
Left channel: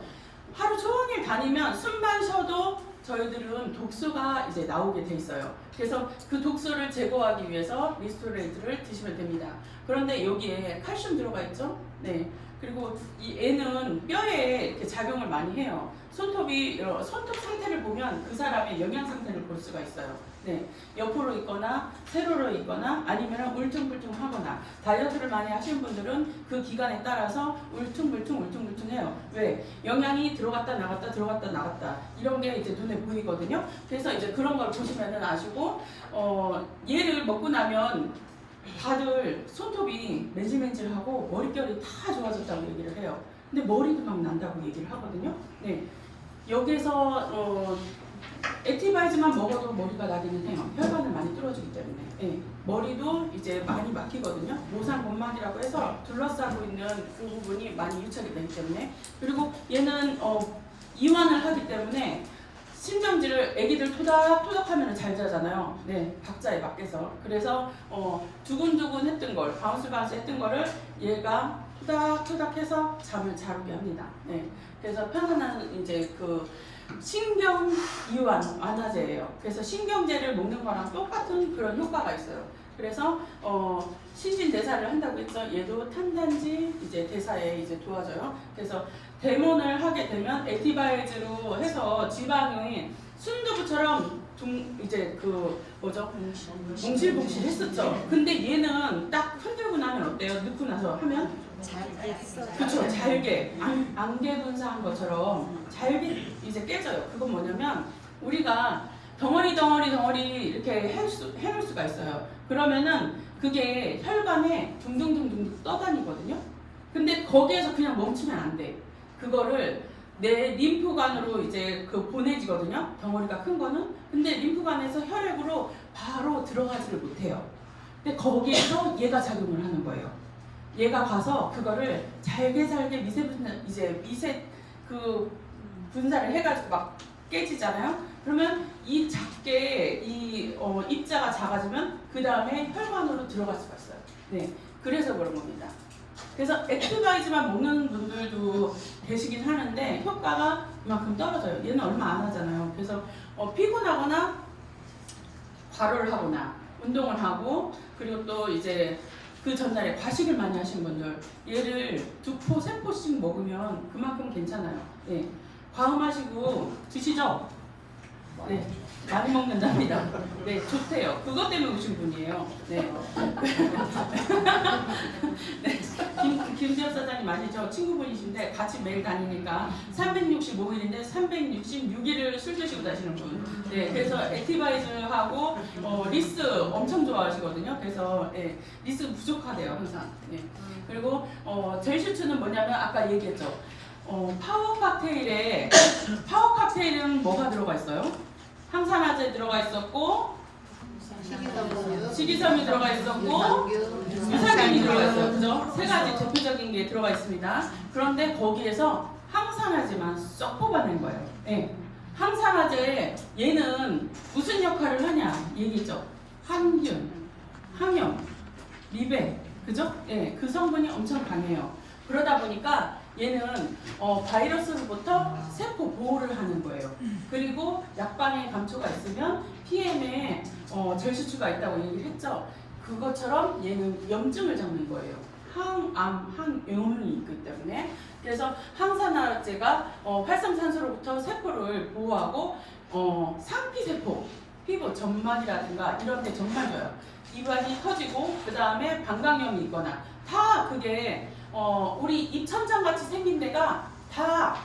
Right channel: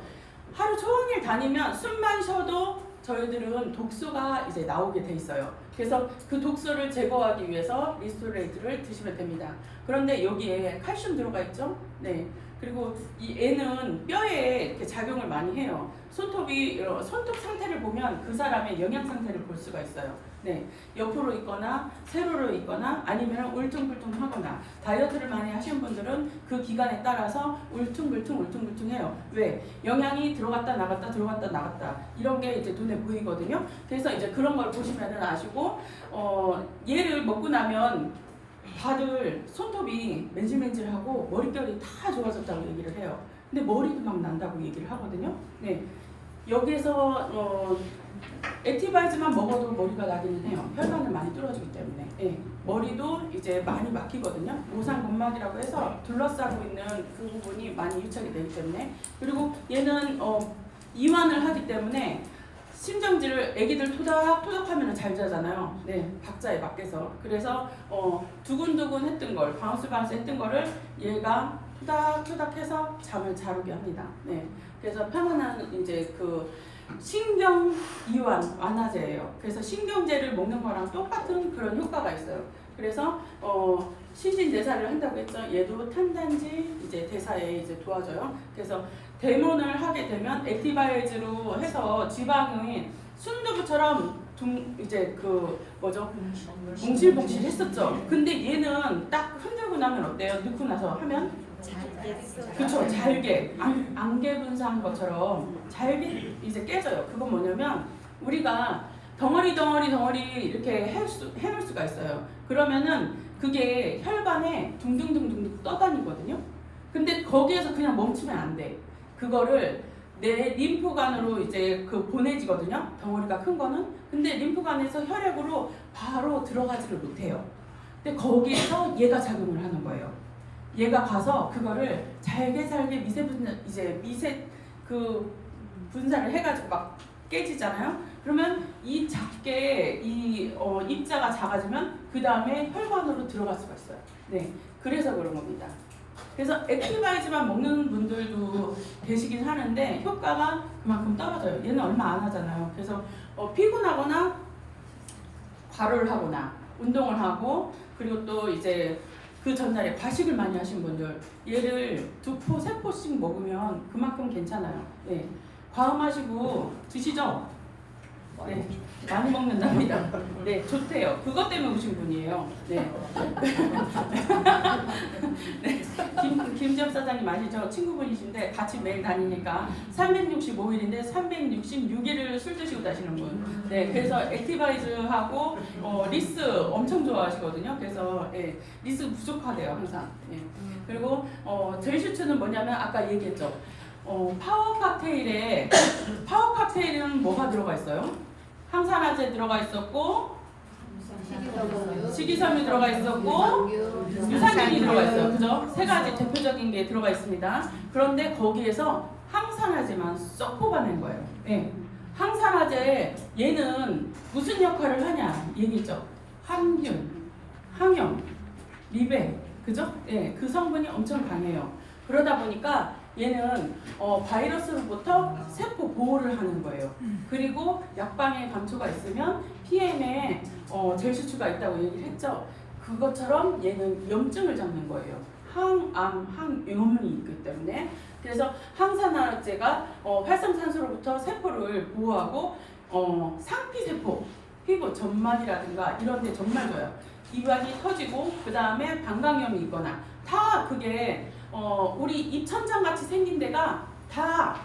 하루 종일 다니면 숨만 쉬어도 저희들은 독소가 이제 나오게 돼 있어요. 그래서 그 독소를 제거하기 위해서 리스토레이트를 드시면 됩니다. 그런데 여기에 칼슘 들어가 있죠? 그리고 이 애는 뼈에 이렇게 작용을 많이 해요. 손톱 상태를 보면 그 사람의 영양 상태를 볼 수가 있어요. 옆으로 있거나 세로로 있거나 아니면 울퉁불퉁하거나 다이어트를 많이 하시는 분들은 그 기간에 따라서 울퉁불퉁해요. 왜? 영양이 들어갔다 나갔다 들어갔다 나갔다 이런 게 이제 눈에 보이거든요. 그래서 이제 그런 걸 보시면은 아시고 얘를 먹고 나면 다들 손톱이 맨질맨질하고 머릿결이 다 좋아졌다고 얘기를 해요. 근데 머리도 막 난다고 얘기를 하거든요. 여기에서 액티바이즈만 먹어도 머리가 나기는 해요. 혈관을 많이 뚫어주기 때문에. 머리도 이제 많이 막히거든요. 모상건막이라고 해서 둘러싸고 있는 그 부분이 많이 유착이 되기 때문에. 그리고 얘는 이완을 하기 때문에 심정지를 애기들 토닥토닥하면 잘 자잖아요. 박자에 맞게서. 그래서 두근두근 했던 걸, 바운스 했던 거를 얘가 토닥토닥해서 잠을 잘 오게 합니다. 네, 그래서 편안한 이제 그 신경 이완 완화제예요. 그래서 신경제를 먹는 거랑 똑같은 그런 효과가 있어요. 그래서 신진 대사를 한다고 했죠. 얘도 탄단지 이제 대사에 이제 도와줘요. 그래서 데몬을 하게 되면 액티바이즈로 해서 지방이 순두부처럼 이제 그 뭐죠? 뭉실뭉실 했었죠. 근데 얘는 딱 흔들고 나면 어때요? 넣고 나서 하면 그쵸, 잘게 안개 분사한 것처럼 잘게 이제 깨져요. 그건 뭐냐면 우리가 덩어리 이렇게 해놓을 수가 있어요. 그러면은 그게 혈관에 둥둥둥둥 떠다니거든요. 근데 거기에서 그냥 멈추면 안 돼. 그거를 내 림프관으로 이제 그 보내지거든요. 덩어리가 큰 거는. 근데 림프관에서 혈액으로 바로 들어가지를 못해요. 근데 거기에서 얘가 작용을 하는 거예요. 얘가 가서 그거를 잘게 미세 그 분사를 해가지고 막 깨지잖아요. 그러면 이 작게 입자가 작아지면 그 다음에 혈관으로 들어갈 수가 있어요. 네, 그래서 그런 겁니다. 그래서 액티바이즈만 먹는 분들도 계시긴 하는데 효과가 그만큼 떨어져요. 얘는 얼마 안 하잖아요. 그래서 피곤하거나 과로를 하거나 운동을 하고 그리고 또 이제 그 전날에 과식을 많이 하신 분들 얘를 2포, 3포씩 먹으면 그만큼 괜찮아요. 네. 과음하시고 드시죠? 네. 많이 먹는답니다. 네, 좋대요. 그것 때문에 오신 분이에요. 네. 네. 김지엽 사장님 아시죠? 친구분이신데 같이 매일 다니니까 365일인데 366일을 술 드시고 다니시는 분. 네, 그래서 액티바이즈하고 리스 엄청 좋아하시거든요. 그래서 네, 리스 부족하대요 항상. 네. 그리고 젤슈츠는 뭐냐면 아까 얘기했죠. 파워 칵테일은 뭐가 들어가 있어요? 항산화제 들어가 있었고 식이섬유 들어가 있었고 유산균이 들어가 있어요. 그죠? 세 가지 대표적인 게 들어가 있습니다. 그런데 거기에서 항산화제만 쏙 뽑아낸 거예요. 네. 항산화제 얘는 무슨 역할을 하냐 얘기죠. 항균, 항염, 리베, 그죠? 네, 그 성분이 엄청 강해요. 그러다 보니까 얘는 바이러스로부터 세포 보호를 하는 거예요. 그리고 약방에 감초가 있으면 PM에 젤슈츠가 있다고 얘기를 했죠. 그것처럼 얘는 염증을 잡는 거예요. 항암, 항염이 있기 때문에. 그래서 항산화제가 활성산소로부터 세포를 보호하고 상피세포, 피부 점막이라든가 이런 데 정말 좋아요. 이완이 터지고 그 다음에 방광염이 있거나 다 그게 우리 입천장 같이 생긴 데가 다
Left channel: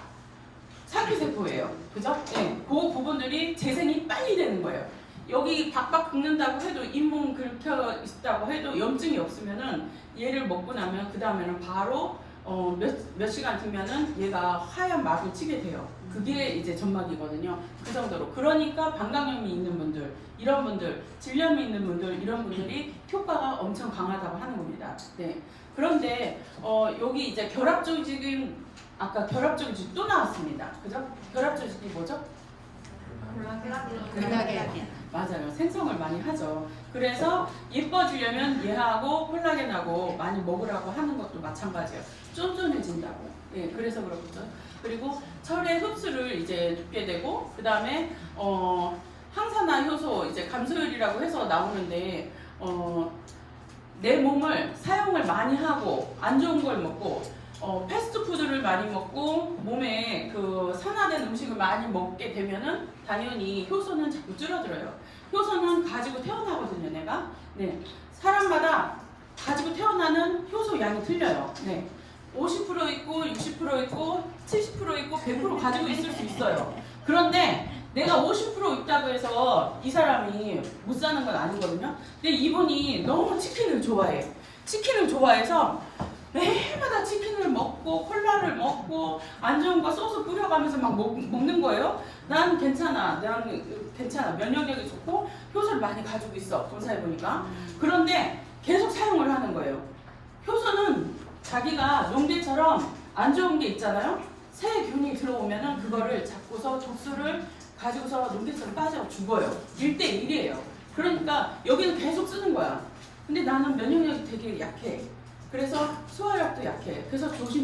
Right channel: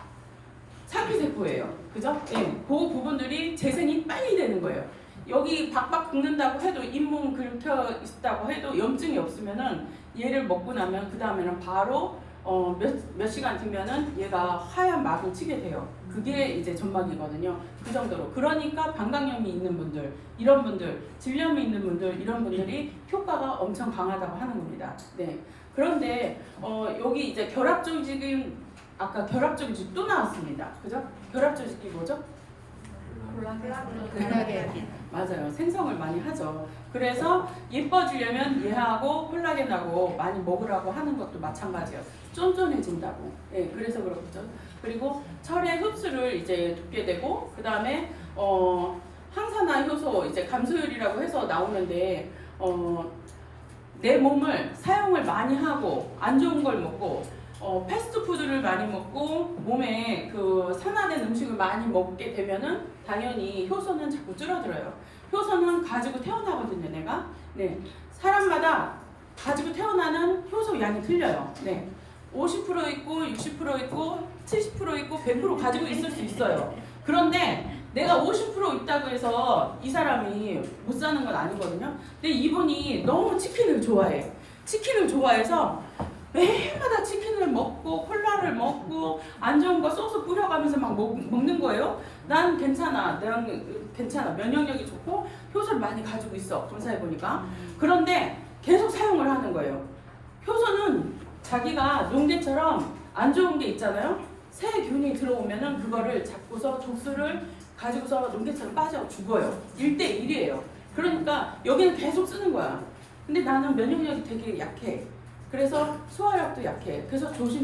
상피세포예요. 그죠? 네. 그 부분들이 재생이 빨리 되는 거예요. 여기 박박 긁는다고 해도 잇몸 긁혀 있다고 해도 염증이 없으면은 얘를 먹고 나면 그 다음에는 바로 몇 시간 뒤면은 얘가 하얀 막을 치게 돼요. 그게 이제 점막이거든요. 그 정도로. 그러니까 방광염이 있는 분들, 이런 분들, 질염이 있는 분들, 이런 분들이 효과가 엄청 강하다고 하는 겁니다. 네. 그런데 여기 이제 결합 조직은 아까 결합 조직 또 나왔습니다. 그죠? 결합 조직이 뭐죠? 콜라겐. 맞아요. 생성을 많이 하죠. 그래서 예뻐지려면 얘하고 콜라겐하고 많이 먹으라고 하는 것도 마찬가지예요. 쫀쫀해진다고. 예, 그래서 그렇죠. 그리고 철의 흡수를 이제 돕게 되고 그 다음에 항산화 효소 이제 감소율이라고 해서 나오는데 내 몸을 사용을 많이 하고 안 좋은 걸 먹고 패스트푸드를 많이 먹고 몸에 그 산화된 음식을 많이 먹게 되면은 당연히 효소는 자꾸 줄어들어요. 효소는 가지고 태어나거든요, 내가. 네, 사람마다 가지고 태어나는 효소 양이 틀려요. 네, 50% 있고 60% 있고 70% 있고 100% 가지고 있을 수 있어요. 그런데 내가 50% 있다고 해서 이 사람이 못 사는 건 아니거든요. 근데 이분이 너무 치킨을 좋아해. 치킨을 좋아해서 매일마다 치킨을 먹고 콜라를 먹고 안 좋은 거 소스 뿌려가면서 막 먹는 거예요. 난 괜찮아. 면역력이 좋고 효소를 많이 가지고 있어. 검사해보니까. 그런데 계속 사용을 하는 거예요. 효소는 자기가 농대처럼 안 좋은 게 있잖아요. 세균이 들어오면은 그거를 잡고서 독소를 가지고서 농대처럼 빠져 죽어요. 1대1이에요. 그러니까 여기는 계속 쓰는 거야. 근데 나는 면역력이 되게 약해. 그래서 소화력도 약해. 그래서 조심.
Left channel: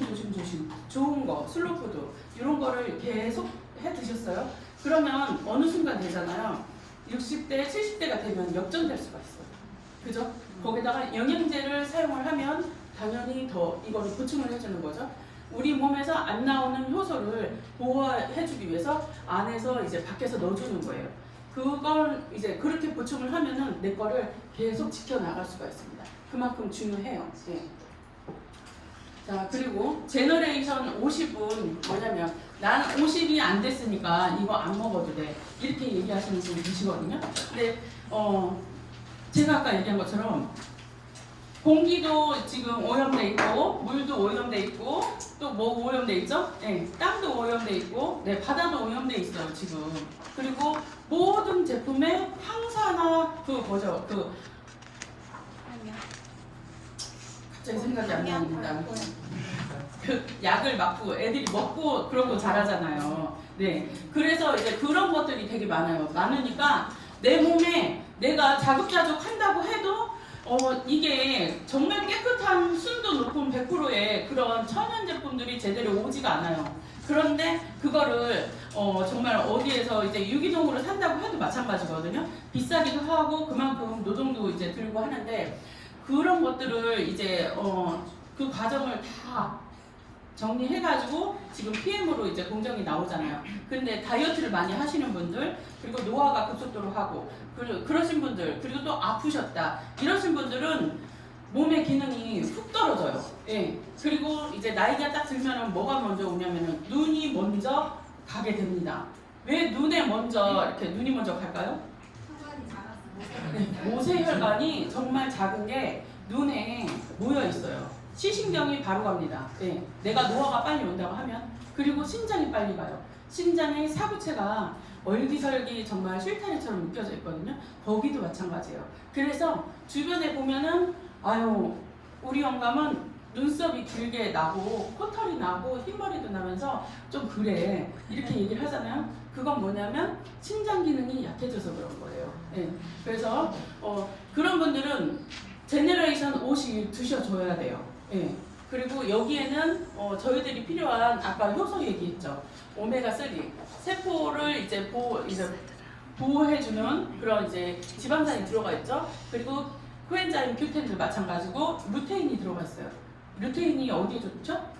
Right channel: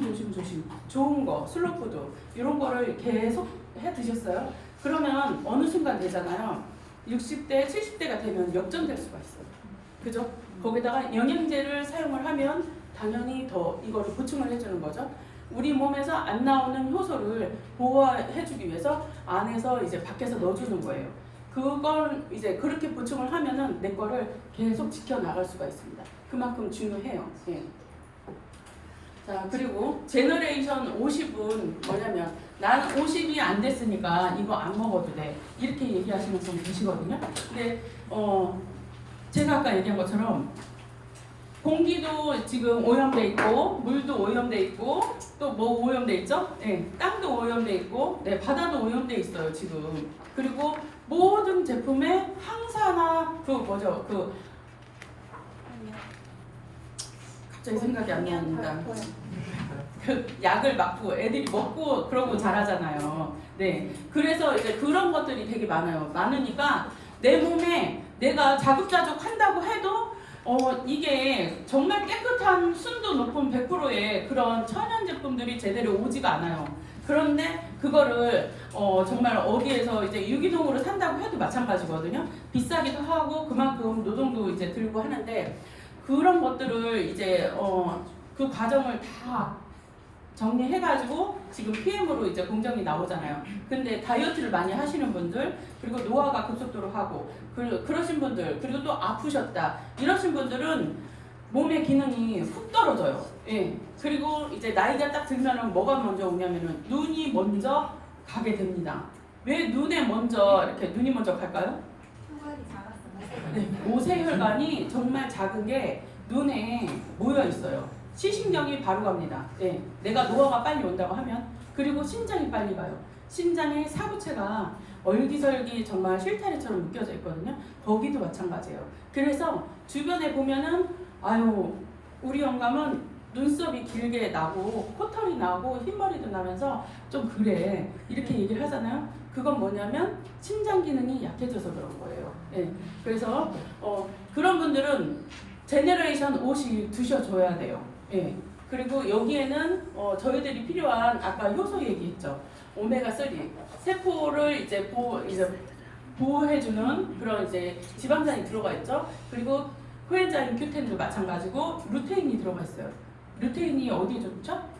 좋은 거, 슬로푸드 이런 거를 계속 해 드셨어요. 그러면 어느 순간 되잖아요. 60대, 70대가 되면 역전될 수가 있어요. 그죠? 거기다가 영양제를 사용을 하면 당연히 더 이거를 보충을 해주는 거죠. 우리 몸에서 안 나오는 효소를 보호해주기 위해서 안에서 이제 밖에서 넣어주는 거예요. 그걸 이제 그렇게 보충을 하면은 내 거를 계속 지켜나갈 수가 있습니다. 그만큼 중요해요. 예. 자, 그리고 제너레이션 50은 뭐냐면 난 50이 안 됐으니까 이거 안 먹어도 돼. 이렇게 얘기하시는 분이 계시거든요. 근데 제가 아까 얘기한 것처럼 공기도 지금 오염돼 있고 물도 오염돼 있고 또 뭐 오염돼 있죠? 네, 땅도 오염돼 있고 네, 바다도 오염돼 있어요 지금. 그리고 모든 제품에 항산화 갑자기 생각이 안 납니다. 그 약을 막 애들이 먹고 그러고 자라잖아요. 네, 그래서 이제 그런 것들이 되게 많아요. 많으니까 내 몸에 내가 자급자족 한다고 해도 이게 정말 깨끗한 순도 높은 100%의 그런 천연 제품들이 제대로 오지가 않아요. 그런데 그거를 정말 어디에서 이제 유기농으로 산다고 해도 마찬가지거든요. 비싸기도 하고 그만큼 노동도 이제 들고 하는데 그런 것들을 이제 그 과정을 다 정리해가지고 지금 PM으로 이제 공정이 나오잖아요. 근데 다이어트를 많이 하시는 분들 그리고 노화가 급속도로 하고 그러신 분들 그리고 또 아프셨다 이러신 분들은 몸의 기능이 훅 떨어져요. 예. 그리고 이제 나이가 딱 들면은 뭐가 먼저 오냐면은 눈이 먼저 가게 됩니다. 왜 눈에 먼저 이렇게 눈이 먼저 갈까요? 네, 모세혈관이 정말 작은 게 눈에 모여 있어요. 시신경이 바로 갑니다. 네, 내가 노화가 빨리 온다고 하면 그리고 심장이 빨리 가요. 심장의 사부체가 얼기설기 정말 실타래처럼 묶여져 있거든요. 거기도 마찬가지예요. 그래서 주변에 보면은 아유 우리 영감은 눈썹이 길게 나고 코털이 나고 흰머리도 나면서 좀 그래 이렇게 얘기를 하잖아요. 그건 뭐냐면 심장 기능이 약해져서 그런 거예요. 네, 그래서 그런 분들은 제너레이션 50 드셔줘야 돼요. 예. 그리고 여기에는 저희들이 필요한 아까 효소 얘기했죠. 오메가3 세포를 이제 보호해주는 그런 이제 지방산이 들어가 있죠. 그리고 코엔자임 Q10도 마찬가지고 루테인이 들어가 있어요. 루테인이 어디에 좋죠?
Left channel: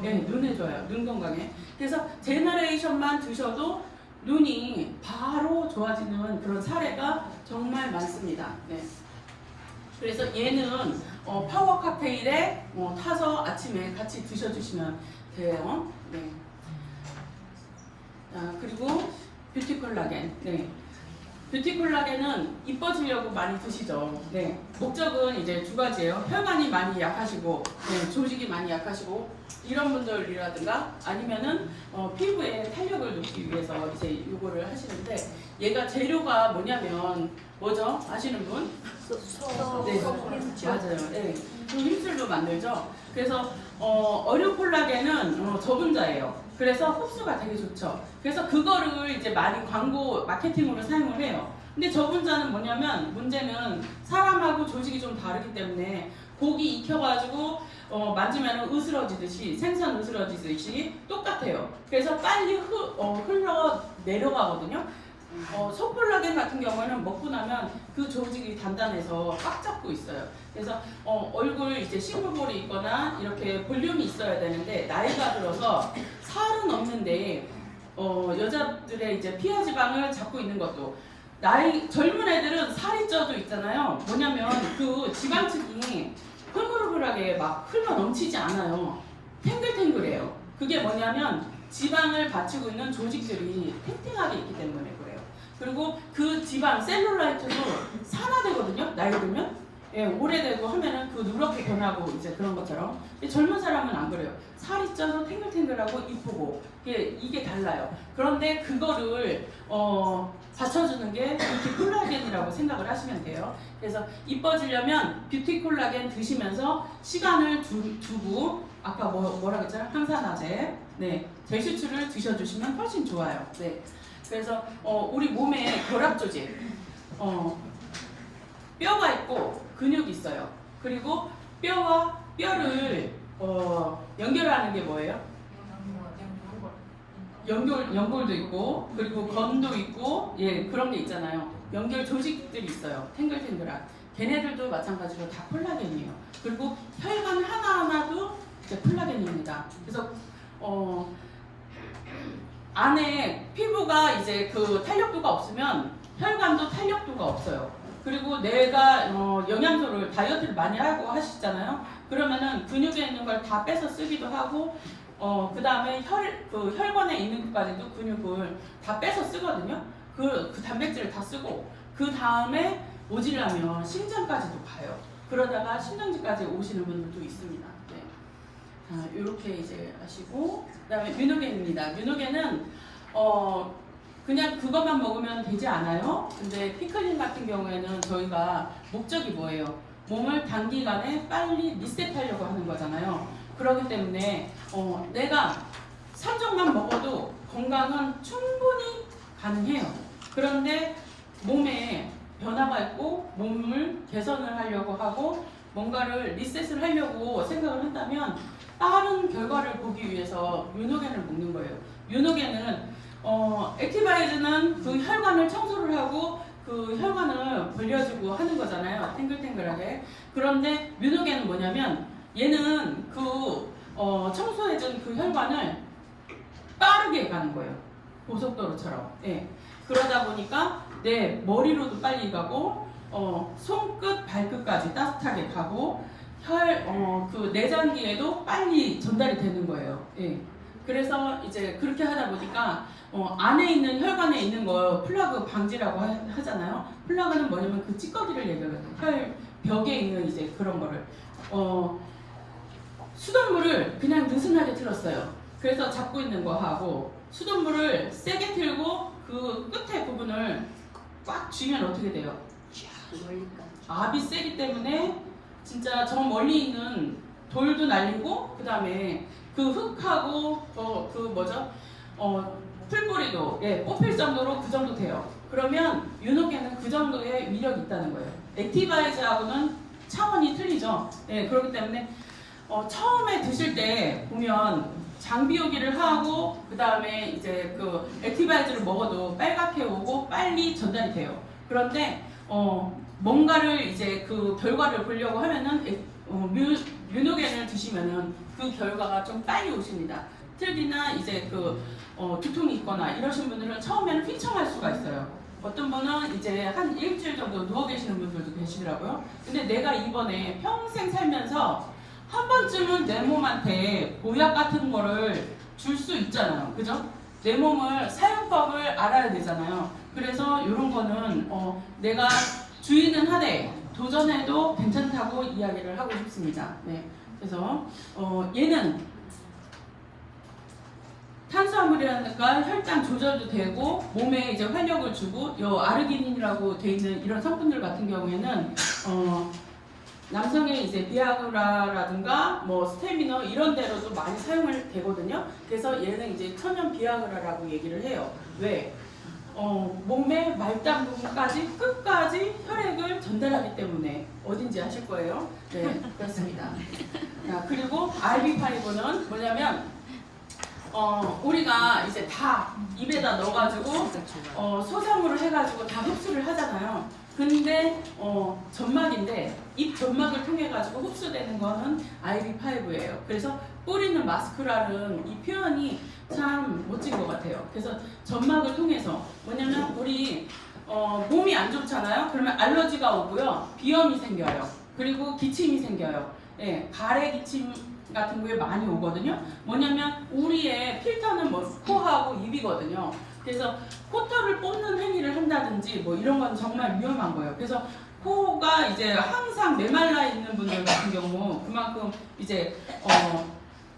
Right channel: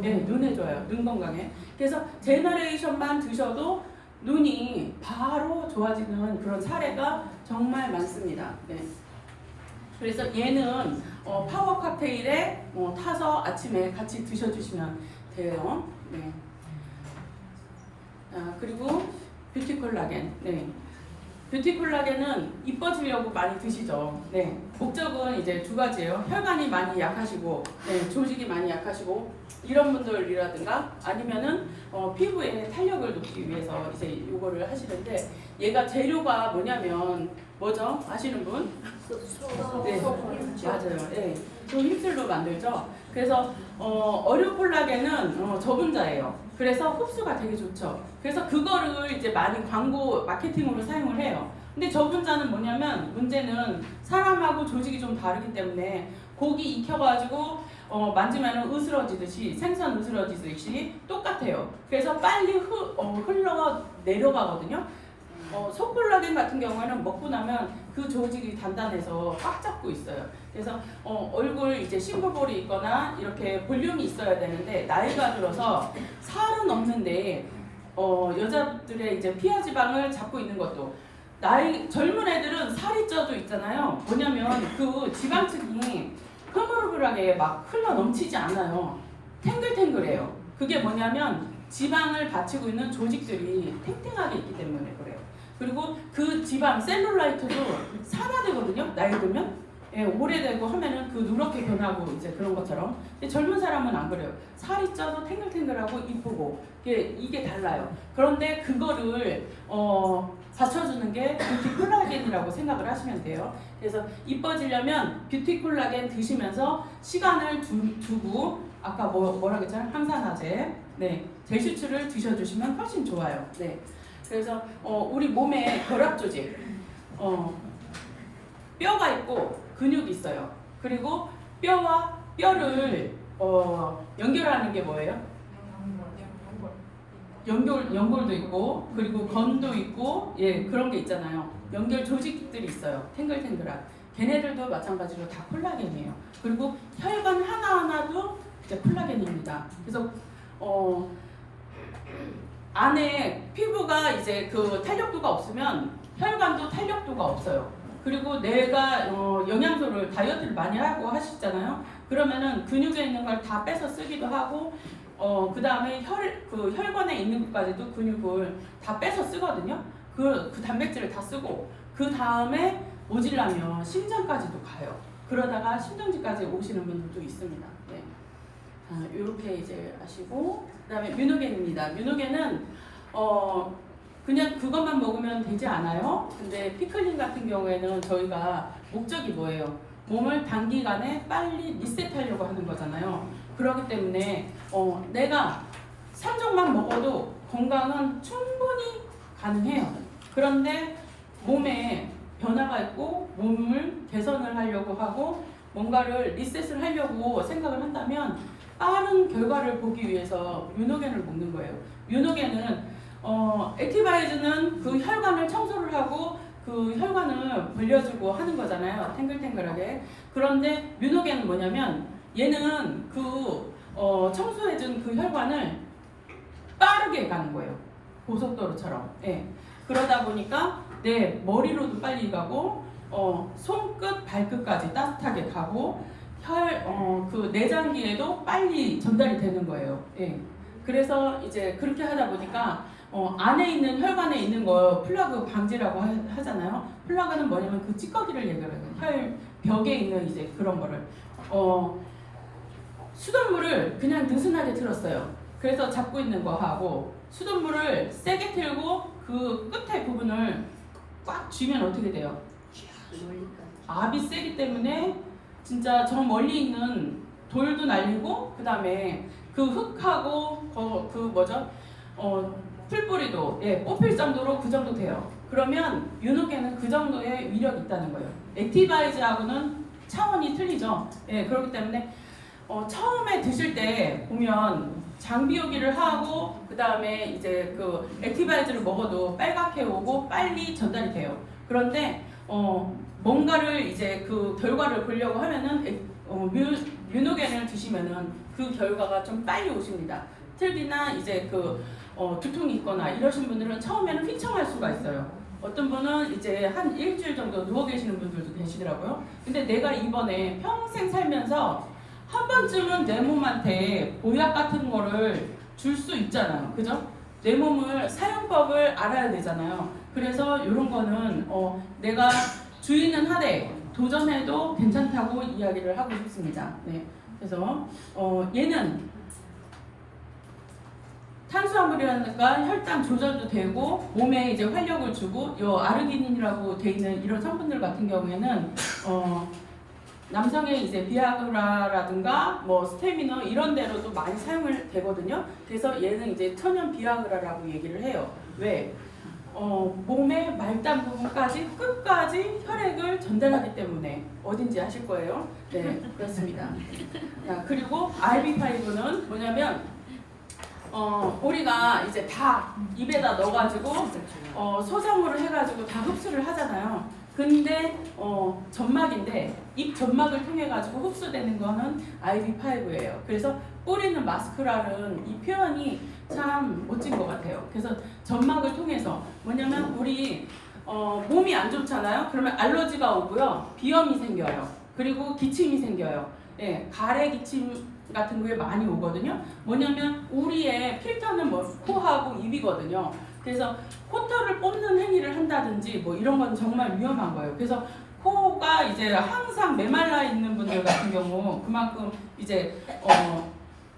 네, 눈에 좋아요. 눈 건강에. 그래서 제너레이션만 드셔도 눈이 바로 좋아지는 그런 사례가 정말 많습니다. 네. 그래서 얘는 파워 칵테일에 타서 아침에 같이 드셔주시면 돼요. 네. 그리고 뷰티 콜라겐. 네. 뷰티 콜라겐은 이뻐지려고 많이 드시죠. 네. 목적은 이제 두 가지예요. 혈관이 많이 약하시고, 네, 조직이 많이 약하시고 이런 분들이라든가 아니면은 피부에 탄력을 높이기 위해서 이제 이거를 하시는데 얘가 재료가 뭐냐면 뭐죠? 아시는 분? 네, 맞아요. 네, 그 힘술로 만들죠. 그래서 어류 콜라겐은 저분자예요. 그래서 흡수가 되게 좋죠. 그래서 그거를 이제 많이 광고 마케팅으로 사용을 해요. 근데 저분자는 뭐냐면 문제는 사람하고 조직이 좀 다르기 때문에 고기 익혀가지고 만지면 으스러지듯이 생선 으스러지듯이 똑같아요. 그래서 빨리 흘러 내려가거든요. 소콜라겐 같은 경우에는 먹고 나면 그 조직이 단단해서 꽉 잡고 있어요. 그래서 얼굴 이제 싱글볼이 있거나 이렇게 볼륨이 있어야 되는데 나이가 들어서 살은 없는데 여자들의 이제 피하 지방을 잡고 있는 것도 젊은 애들은 살이 쪄도 있잖아요. 뭐냐면 그 지방층이 흐물흐물하게 막 흘러 넘치지 않아요. 탱글탱글해요. 그게 뭐냐면 지방을 받치고 있는 조직들이 탱탱하게 있기 때문에 그래요. 그리고 그 지방 셀룰라이트도 산화되거든요. 나이 들면 예, 오래되고 하면은 그 누렇게 변하고 이제 그런 것처럼. 근데 젊은 사람은 안 그래요. 살이 쪄도 탱글탱글하고 이쁘고 이게 달라요. 그런데 그거를 받쳐주는 게 뷰티 콜라겐이라고 생각을 하시면 돼요. 그래서 이뻐지려면 뷰티 콜라겐 드시면서 시간을 두고 아까 뭐라 그랬잖아요? 항산화제, 네, 젤슈츠를 드셔주시면 훨씬 좋아요. 네. 그래서 우리 몸에 결합 조직, 뼈가 있고 근육이 있어요. 그리고 뼈와 뼈를 연결하는 게 뭐예요? 연골도 있고 그리고 건도 있고 예 그런 게 있잖아요. 연결 조직들이 있어요. 탱글탱글한. 걔네들도 마찬가지로 다 콜라겐이에요. 그리고 혈관 하나하나도 이제 콜라겐입니다. 그래서 안에 피부가 이제 그 탄력도가 없으면 혈관도 탄력도가 없어요. 그리고 내가 영양소를 다이어트를 많이 하고 하시잖아요. 그러면은 근육에 있는 걸 다 빼서 쓰기도 하고 그 다음에 혈관에 있는 것까지도 근육을 다 빼서 쓰거든요. 그 단백질을 다 쓰고 그 다음에 모질라면 심장까지도 가요. 그러다가 심정지까지 오시는 분들도 있습니다. 네. 자, 이렇게 이제 아시고 그다음에 뮤노겐입니다. 뮤노겐은 그냥 그것만 먹으면 되지 않아요. 근데 피클린 같은 경우에는 저희가 목적이 뭐예요? 몸을 단기간에 빨리 리셋하려고 하는 거잖아요. 그렇기 때문에 내가 산적만 먹어도 건강은 충분히 가능해요. 그런데 몸에 변화가 있고 몸을 개선을 하려고 하고 뭔가를 리셋을 하려고 생각을 한다면 빠른 결과를 보기 위해서 뮤노겐을 먹는 거예요. 뮤노겐은 액티바이즈는 그 혈관을 청소를 하고 그 혈관을 벌려주고 하는 거잖아요. 탱글탱글하게. 그런데 뮤노겐은 뭐냐면 얘는 그 청소해준 그 혈관을 빠르게 가는 거예요. 고속도로처럼. 예. 그러다 보니까 내 머리로도 빨리 가고 손끝 발끝까지 따뜻하게 가고 그 내장기에도 빨리 전달이 되는 거예요. 예. 그래서 이제 그렇게 하다 보니까 안에 있는 혈관에 있는 거 플러그 방지라고 하잖아요. 플러그는 뭐냐면 그 찌꺼기를 얘기해요. 혈벽에 있는 이제 그런 거를 수돗물을 그냥 느슨하게 틀었어요. 그래서 잡고 있는 거 하고 수돗물을 세게 틀고 그 끝에 부분을 꽉 쥐면 어떻게 돼요? 압이 세기 때문에 진짜 저 멀리 있는 돌도 날리고 그 다음에 그 흙하고 그 뭐죠? 풀뿌리도 뽑힐 정도로 그 정도 돼요. 그러면 뮤노겐은 그 정도의 위력이 있다는 거예요. 액티바이즈하고는 차원이 틀리죠. 예, 그렇기 때문에 처음에 드실 때 보면 장비호기를 하고 그 다음에 이제 그 액티바이즈를 먹어도 빨갛게 오고 빨리 전달이 돼요. 그런데 뭔가를 이제 그 결과를 보려고 하면은 뮤노겐을 드시면은 그 결과가 좀 빨리 오십니다. 특히나 이제 그 두통이 있거나 이러신 분들은 처음에는 휘청할 수가 있어요. 어떤 분은 이제 한 일주일 정도 누워 계시는 분들도 계시더라고요. 근데 내가 이번에 평생 살면서 한 번쯤은 내 몸한테 보약 같은 거를 줄 수 있잖아요. 그죠? 내 몸을 사용법을 알아야 되잖아요. 그래서 이런 거는 내가 주의는 하되 도전해도 괜찮다고 이야기를 하고 싶습니다. 네. 그래서 얘는 탄수화물이라니까 혈당 조절도 되고 몸에 이제 활력을 주고 요 아르기닌이라고 돼 있는 이런 성분들 같은 경우에는 남성의 이제 비아그라라든가 뭐 스테미너 이런 데로도 많이 사용을 되거든요. 그래서 얘는 이제 천연 비아그라라고 얘기를 해요. 왜? 몸의 말단 부분까지 끝까지 혈액을 전달하기 때문에 어딘지 아실 거예요. 네, 그렇습니다. 자, 그리고 RB5는 뭐냐면 우리가 이제 다 입에다 넣어가지고 소정으로 해가지고 다 흡수를 하잖아요. 근데 점막인데 입 점막을 통해 가지고 흡수되는 거는 RB5예요. 그래서 뿌리는 마스크라는 이 표현이 참 멋진 것 같아요. 그래서 점막을 통해서 뭐냐면 우리 몸이 안 좋잖아요. 그러면 알러지가 오고요, 비염이 생겨요. 그리고 기침이 생겨요. 예, 가래 기침 같은 거에 많이 오거든요. 뭐냐면 우리의 필터는 뭐 코하고 입이거든요. 그래서 코털을 뽑는 행위를 한다든지 뭐 이런 건 정말 위험한 거예요. 그래서 코가 이제 항상 메말라 있는 분들 같은 경우 그만큼 이제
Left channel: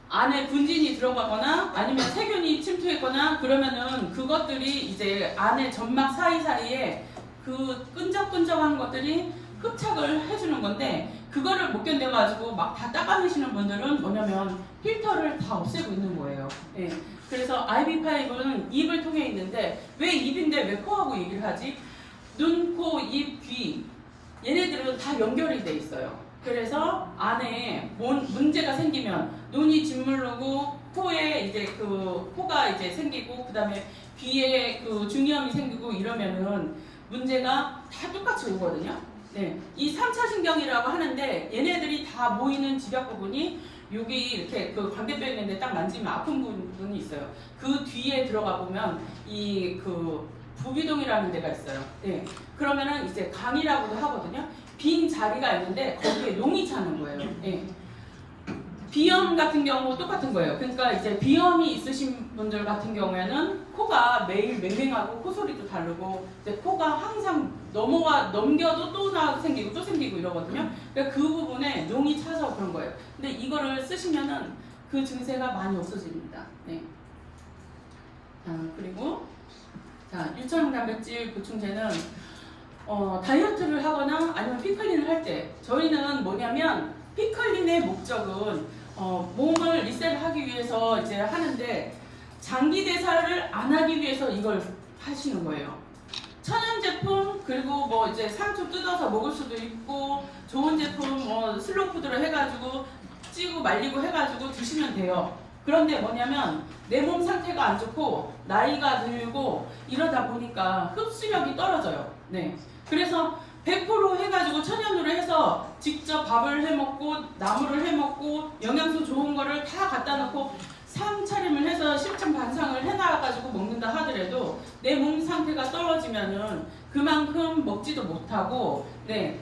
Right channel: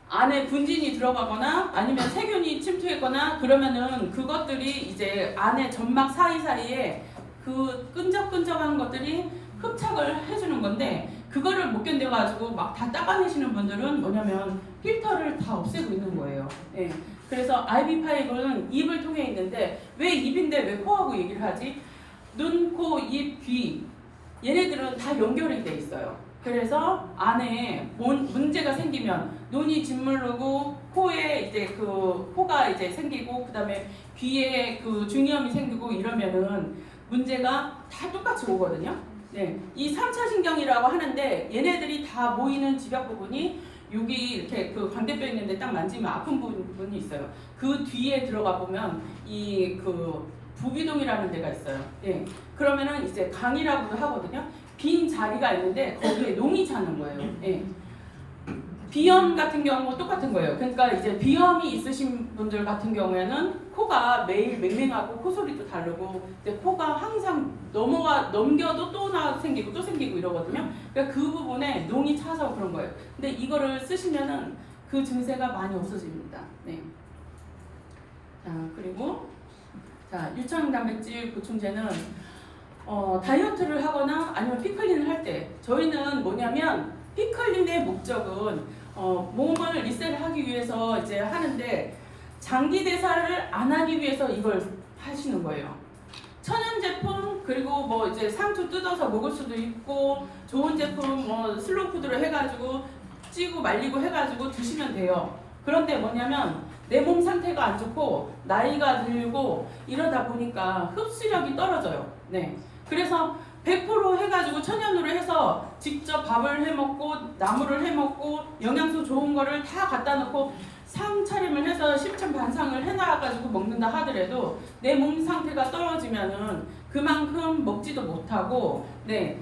안에 분진이 들어가거나 아니면 세균이 침투했거나 그러면은 그것들이 이제 안에 점막 사이사이에 그 끈적끈적한 것들이 흡착을 해주는 건데 그거를 못 견뎌가지고 막 다 닦아내시는 분들은 뭐냐면 필터를 다 없애고 있는 거예요. 예. 그래서 RB5는 입을 통해 있는데 왜 입인데 왜 코하고 얘기를 하지? 눈, 코, 입, 귀 얘네들은 다 연결이 돼 있어요. 그래서 안에 문제가 생기면 눈이 짓무르고 코에 이제 그 코가 이제 생기고 그다음에 귀에 그 중이염이 생기고 이러면은 문제가 다 똑같이 오거든요. 네, 이 3차 신경이라고 하는데 얘네들이 다 모이는 집약 부분이 여기 이렇게 그 광대뼈 있는데 딱 만지면 아픈 부분이 있어요. 그 뒤에 들어가 보면 이 그 부비동이라는 데가 있어요. 예. 그러면은 이제 강이라고도 하거든요. 빈 자리가 있는데 거기에 농이 차는 거예요. 예. 비염 같은 경우 똑같은 거예요. 그러니까 이제 비염이 있으신 분들 같은 경우에는 코가 매일 맹맹하고 코소리도 다르고 이제 코가 항상 넘겨도 또 생기고 또 생기고 이러거든요. 그러니까 그 부분에 농이 차서 그런 거예요. 근데 이거를 쓰시면은 그 증세가 많이 없어집니다. 네. 그리고 유청 단백질 보충제는 다이어트를 하거나 아니면 피클린을 할 때 저희는 뭐냐면 피클린의 목적은 몸을 리셋하기 위해서 이제 하는데 장기 대사를 안 하기 위해서 이걸 하시는 거예요. 천연 제품 그리고 뭐 이제 상추 뜯어서 먹을 수도 있고 좋은 제품 뭐 슬로우 푸드로 해가지고 찌고 말리고 해가지고 드시면 돼요. 그런데 뭐냐면 내 몸 상태가 안 좋고 나이가 들고 이러다 보니까 흡수력이 떨어져요. 네. 그래서 100% 해가지고 천연으로 해서 직접 밥을 해먹고 나물을 해먹고 영양소 좋은 거를 다 갖다 놓고 상차림을 해서 십천반상을 해놔가지고 먹는다 하더라도 내 몸 상태가 떨어지면은 그만큼 먹지도 못하고 네,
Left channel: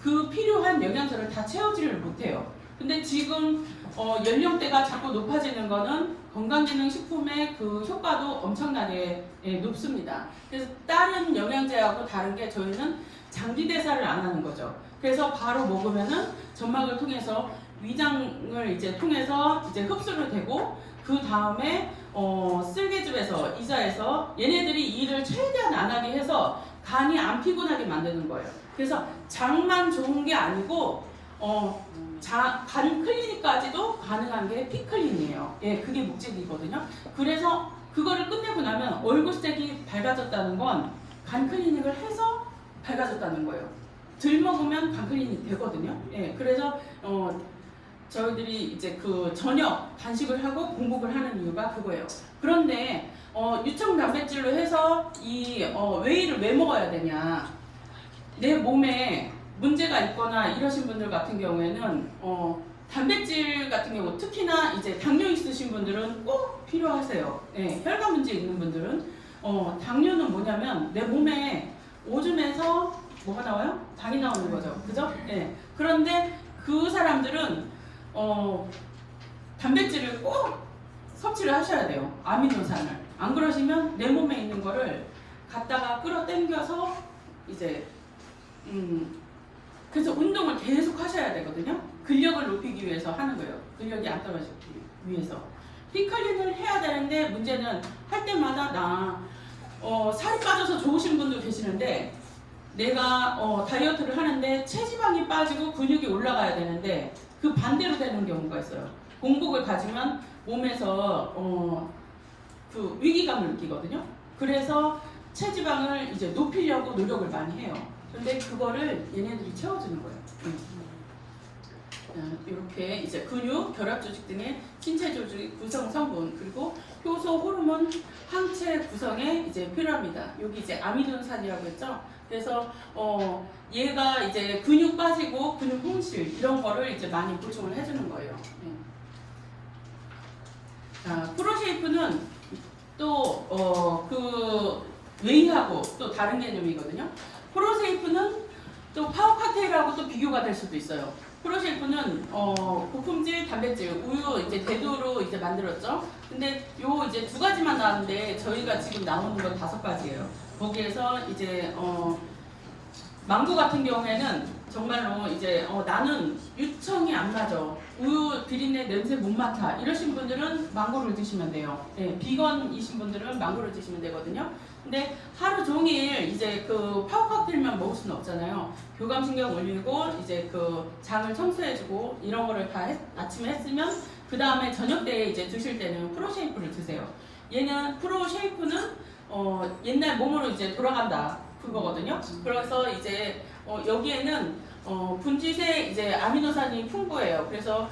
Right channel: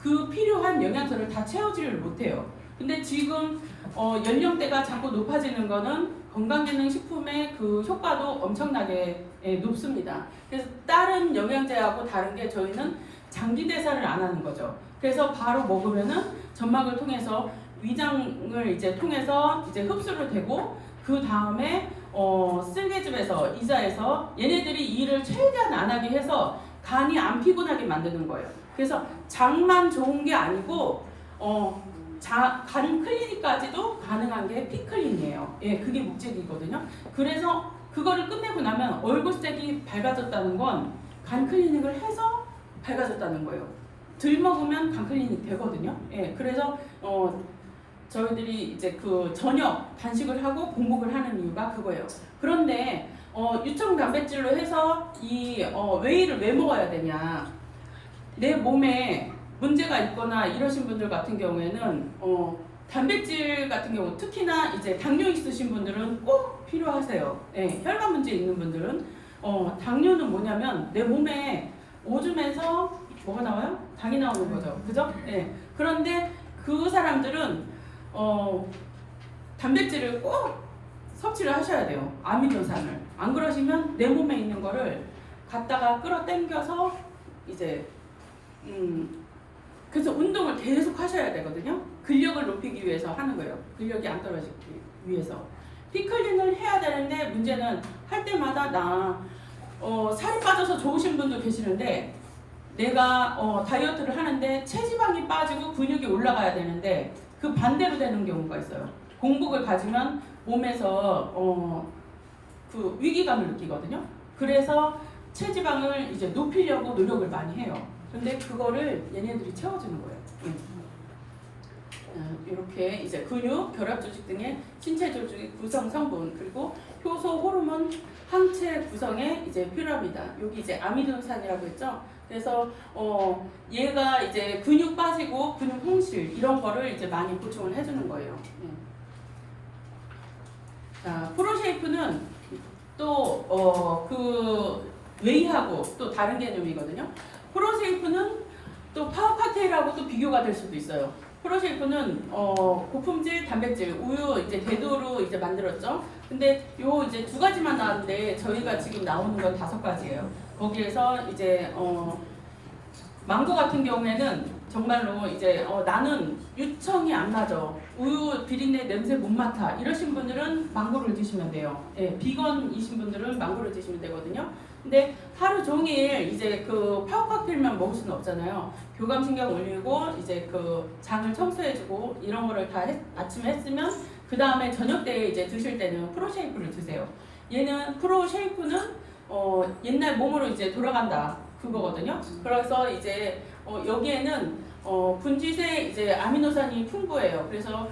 그 필요한 영양소를 다 채우지를 못해요. 근데 지금 연령대가 자꾸 높아지는 거는 건강기능식품의 그 효과도 엄청나게 높습니다. 그래서 다른 영양제하고 다른 게 저희는 장기대사를 안 하는 거죠. 그래서 바로 먹으면은 점막을 통해서 위장을 이제 통해서 이제 흡수를 되고 그 다음에 쓸개즙에서 이자에서 얘네들이 일을 최대한 안 하게 해서 간이 안 피곤하게 만드는 거예요. 그래서 장만 좋은 게 아니고 간 클리닉까지도 가능한 게 피클린이에요. 예, 그게 목적이거든요. 그래서 그거를 끝내고 나면 얼굴색이 밝아졌다는 건 간 클리닉을 해서 밝아졌다는 거예요. 덜 먹으면 간 클리닉 되거든요. 예, 그래서 저희들이 이제 그 저녁 단식을 하고 공복을 하는 이유가 그거예요. 그런데 유청 단백질로 해서 이 웨이를 왜 먹어야 되냐? 내 몸에 문제가 있거나 이러신 분들 같은 경우에는 단백질 같은 경우 특히나 이제 당뇨 있으신 분들은 꼭 필요하세요. 예, 혈관 문제 있는 분들은 당뇨는 뭐냐면 내 몸에 오줌에서 뭐가 나와요? 당이 나오는 거죠. 그죠? 예. 그런데 그 사람들은 단백질을 꼭 섭취를 하셔야 돼요. 아미노산을. 안 그러시면 내 몸에 있는 거를 갖다가 끌어당겨서 이제 그래서 운동을 계속 하셔야 되거든요. 근력을 높이기 위해서 하는 거예요. 근력이 안 떨어지기 위해서. 피클링을 해야 되는데 문제는 할 때마다 살이 빠져서 좋으신 분도 계시는데 내가 다이어트를 하는데 체지방이 빠지고 근육이 올라가야 되는데 그 반대로 되는 경우가 있어요. 공복을 가지면 몸에서 그 위기감을 느끼거든요. 그래서 체지방을 이제 높이려고 노력을 많이 해요. 근데 그거를 얘네들이 채워주는 거예요. 이렇게 이제 근육, 결합 조직 등의 신체 조직의 구성 성분 그리고 효소, 호르몬, 항체 구성에 이제 필요합니다. 여기 이제 아미노산이라고 했죠. 그래서 얘가 이제 근육 빠지고 근육 홍실 이런 거를 이제 많이 보충을 해주는 거예요. 자, 프로쉐이프는 또 그 웨이하고 또 다른 개념이거든요. 프로쉐이프는 또 파워 칵테일하고 또 비교가 될 수도 있어요. 프로쉐이프는 고품질 단백질 우유 이제 대두로 이제 만들었죠. 근데 요 이제 2가지만 나왔는데 저희가 지금 나오는 건 5가지예요. 거기에서 이제 망고 같은 경우에는 정말로 이제 나는 유청이 안 맞아. 우유 비린내 냄새 못 맡아. 이러신 분들은 망고를 드시면 돼요. 예, 비건이신 분들은 망고를 드시면 되거든요. 근데 하루 종일 이제 그 파워 칵테일만 먹을 수는 없잖아요. 교감신경 올리고 이제 그 장을 청소해주고 이런 거를 다 아침에 했으면 그 다음에 저녁 때 이제 드실 때는 프로쉐이프를 드세요. 얘는 프로쉐이프는 옛날 몸으로 이제 돌아간다. 그거거든요. 그래서 이제 여기에는 분지세 이제 아미노산이 풍부해요. 그래서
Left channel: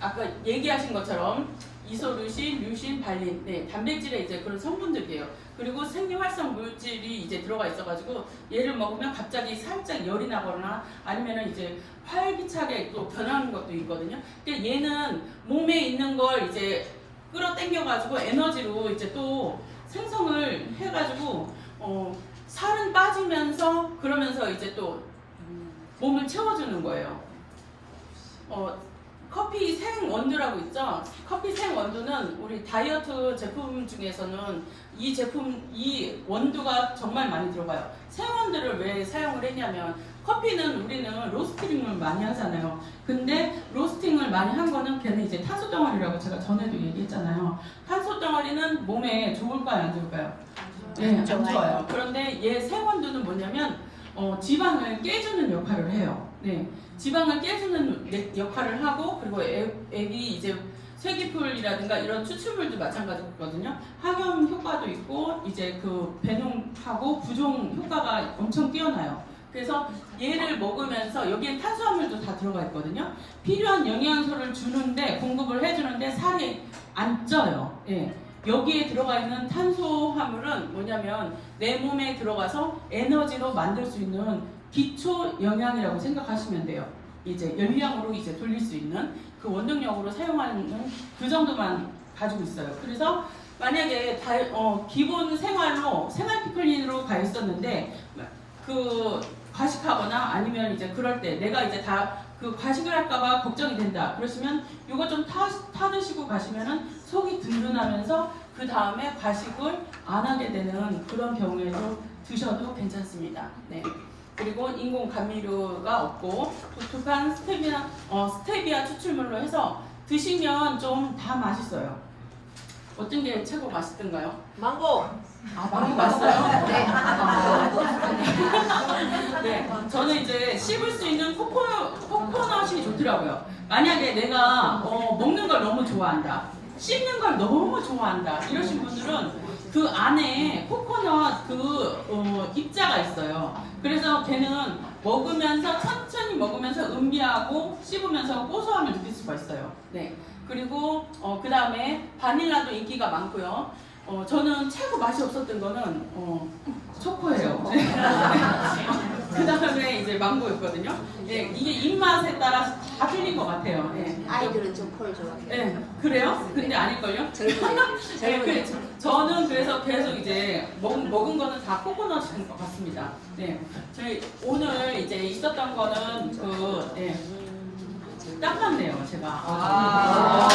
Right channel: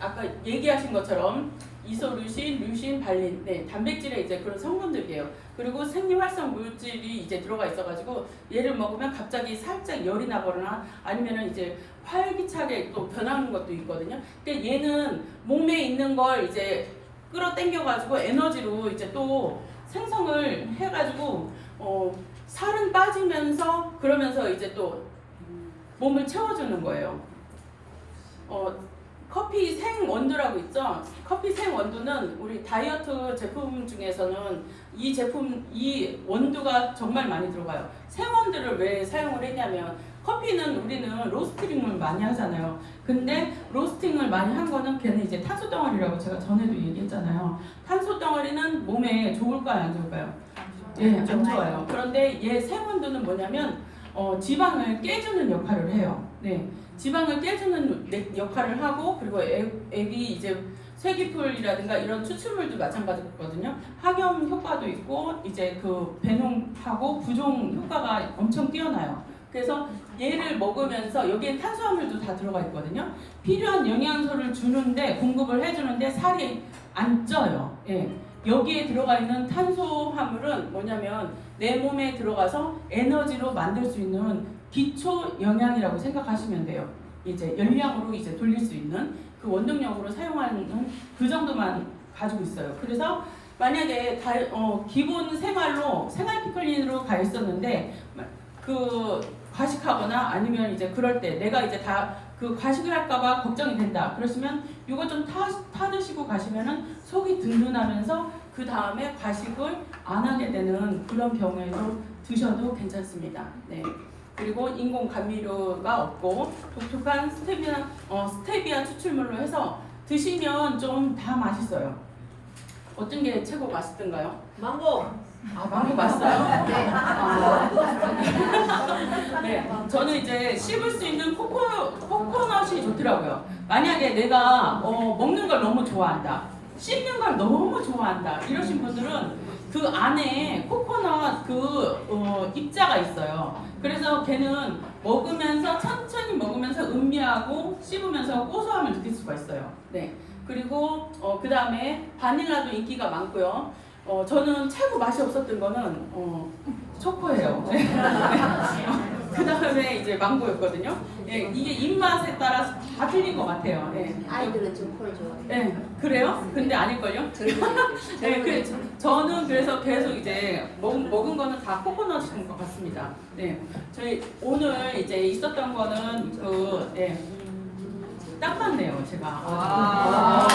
아까 얘기하신 것처럼 이소류신, 류신, 발린, 네, 단백질의 이제 그런 성분들이에요. 그리고 생리활성 물질이 이제 들어가 있어가지고 얘를 먹으면 갑자기 살짝 열이 나거나 아니면은 이제 활기차게 또 변하는 것도 있거든요. 근데 얘는 몸에 있는 걸 이제 끌어당겨가지고 에너지로 이제 또 생성을 해가지고 살은 빠지면서 그러면서 이제 또 몸을 채워주는 거예요. 커피 생원두라고 있죠? 커피 생원두는 우리 다이어트 제품 중에서는 이 원두가 정말 많이 들어가요. 생원두를 왜 사용을 했냐면 커피는 우리는 로스팅을 많이 하잖아요. 근데 로스팅을 많이 한 거는 걔는 이제 탄소 덩어리라고 제가 전에도 얘기했잖아요. 탄소 덩어리는 몸에 좋을까요, 안 좋을까요? 네, 안 좋아요. 그런데 얘 생원두는 뭐냐면 지방을 깨주는 역할을 해요. 네, 지방을 깨주는 역할을 하고 그리고 액이 이제 쇠기풀이라든가 이런 추출물도 마찬가지거든요. 학염 효과도 있고 이제 그 배농하고 부종 효과가 엄청 뛰어나요. 그래서 얘를 먹으면서 여기에 탄수화물도 다 들어가 있거든요. 필요한 영양소를 주는데 공급을 해주는데 살이 안 쪄요. 예. 여기에 들어가 있는 탄수화물은 뭐냐면 내 몸에 들어가서 에너지로 만들 수 있는 기초 영양이라고 생각하시면 돼요. 이제 열량으로 이제 돌릴 수 있는 그 원동력으로 사용하는 그 정도만 가지고 있어요. 그래서 만약에 기본 생활로 생활 피클린으로 가 있었는데 그 과식하거나 아니면 이제 그럴 때 내가 이제 다 그 과식을 할까봐 걱정이 된다. 그러시면 이거 좀 타 드시고 가시면은 속이 든든하면서 그 다음에 과식을 안 하게 되는 그런 경우에도 드셔도 괜찮습니다. 네. 그리고 인공 감미료가 없고 독특한 스테비아 추출물로 해서 드시면 좀 다 맛있어요. 어떤 게 최고 맛있던가요? 망고. 아, 망고 맛있어요? 네. 네, 저는 이제 씹을 수 있는 코코넛이 좋더라고요. 만약에 내가 먹는 걸 너무 좋아한다, 씹는 걸 너무 좋아한다 이러신 분들은 그 안에 코코넛 입자가 있어요. 그래서 걔는 먹으면서 천천히 먹으면서 음미하고 씹으면서 고소함을 느낄 수가 있어요. 네. 그리고 그 다음에 바닐라도 인기가 많고요. 저는 최고 맛이 없었던 거는 초코예요. 그 다음에 이제 망고였거든요. 예, 이게 입맛에 따라서 다 틀린 것 같아요. 예. 아이들은 초코를 좋아해요. 예, 그래요? 근데 아닐걸요? 네, 저는 그래서 계속 이제 먹은 거는 다 코코넛인 것 같습니다. 네, 저희 오늘 이제 있었던 거는 딱 맞네요, 제가.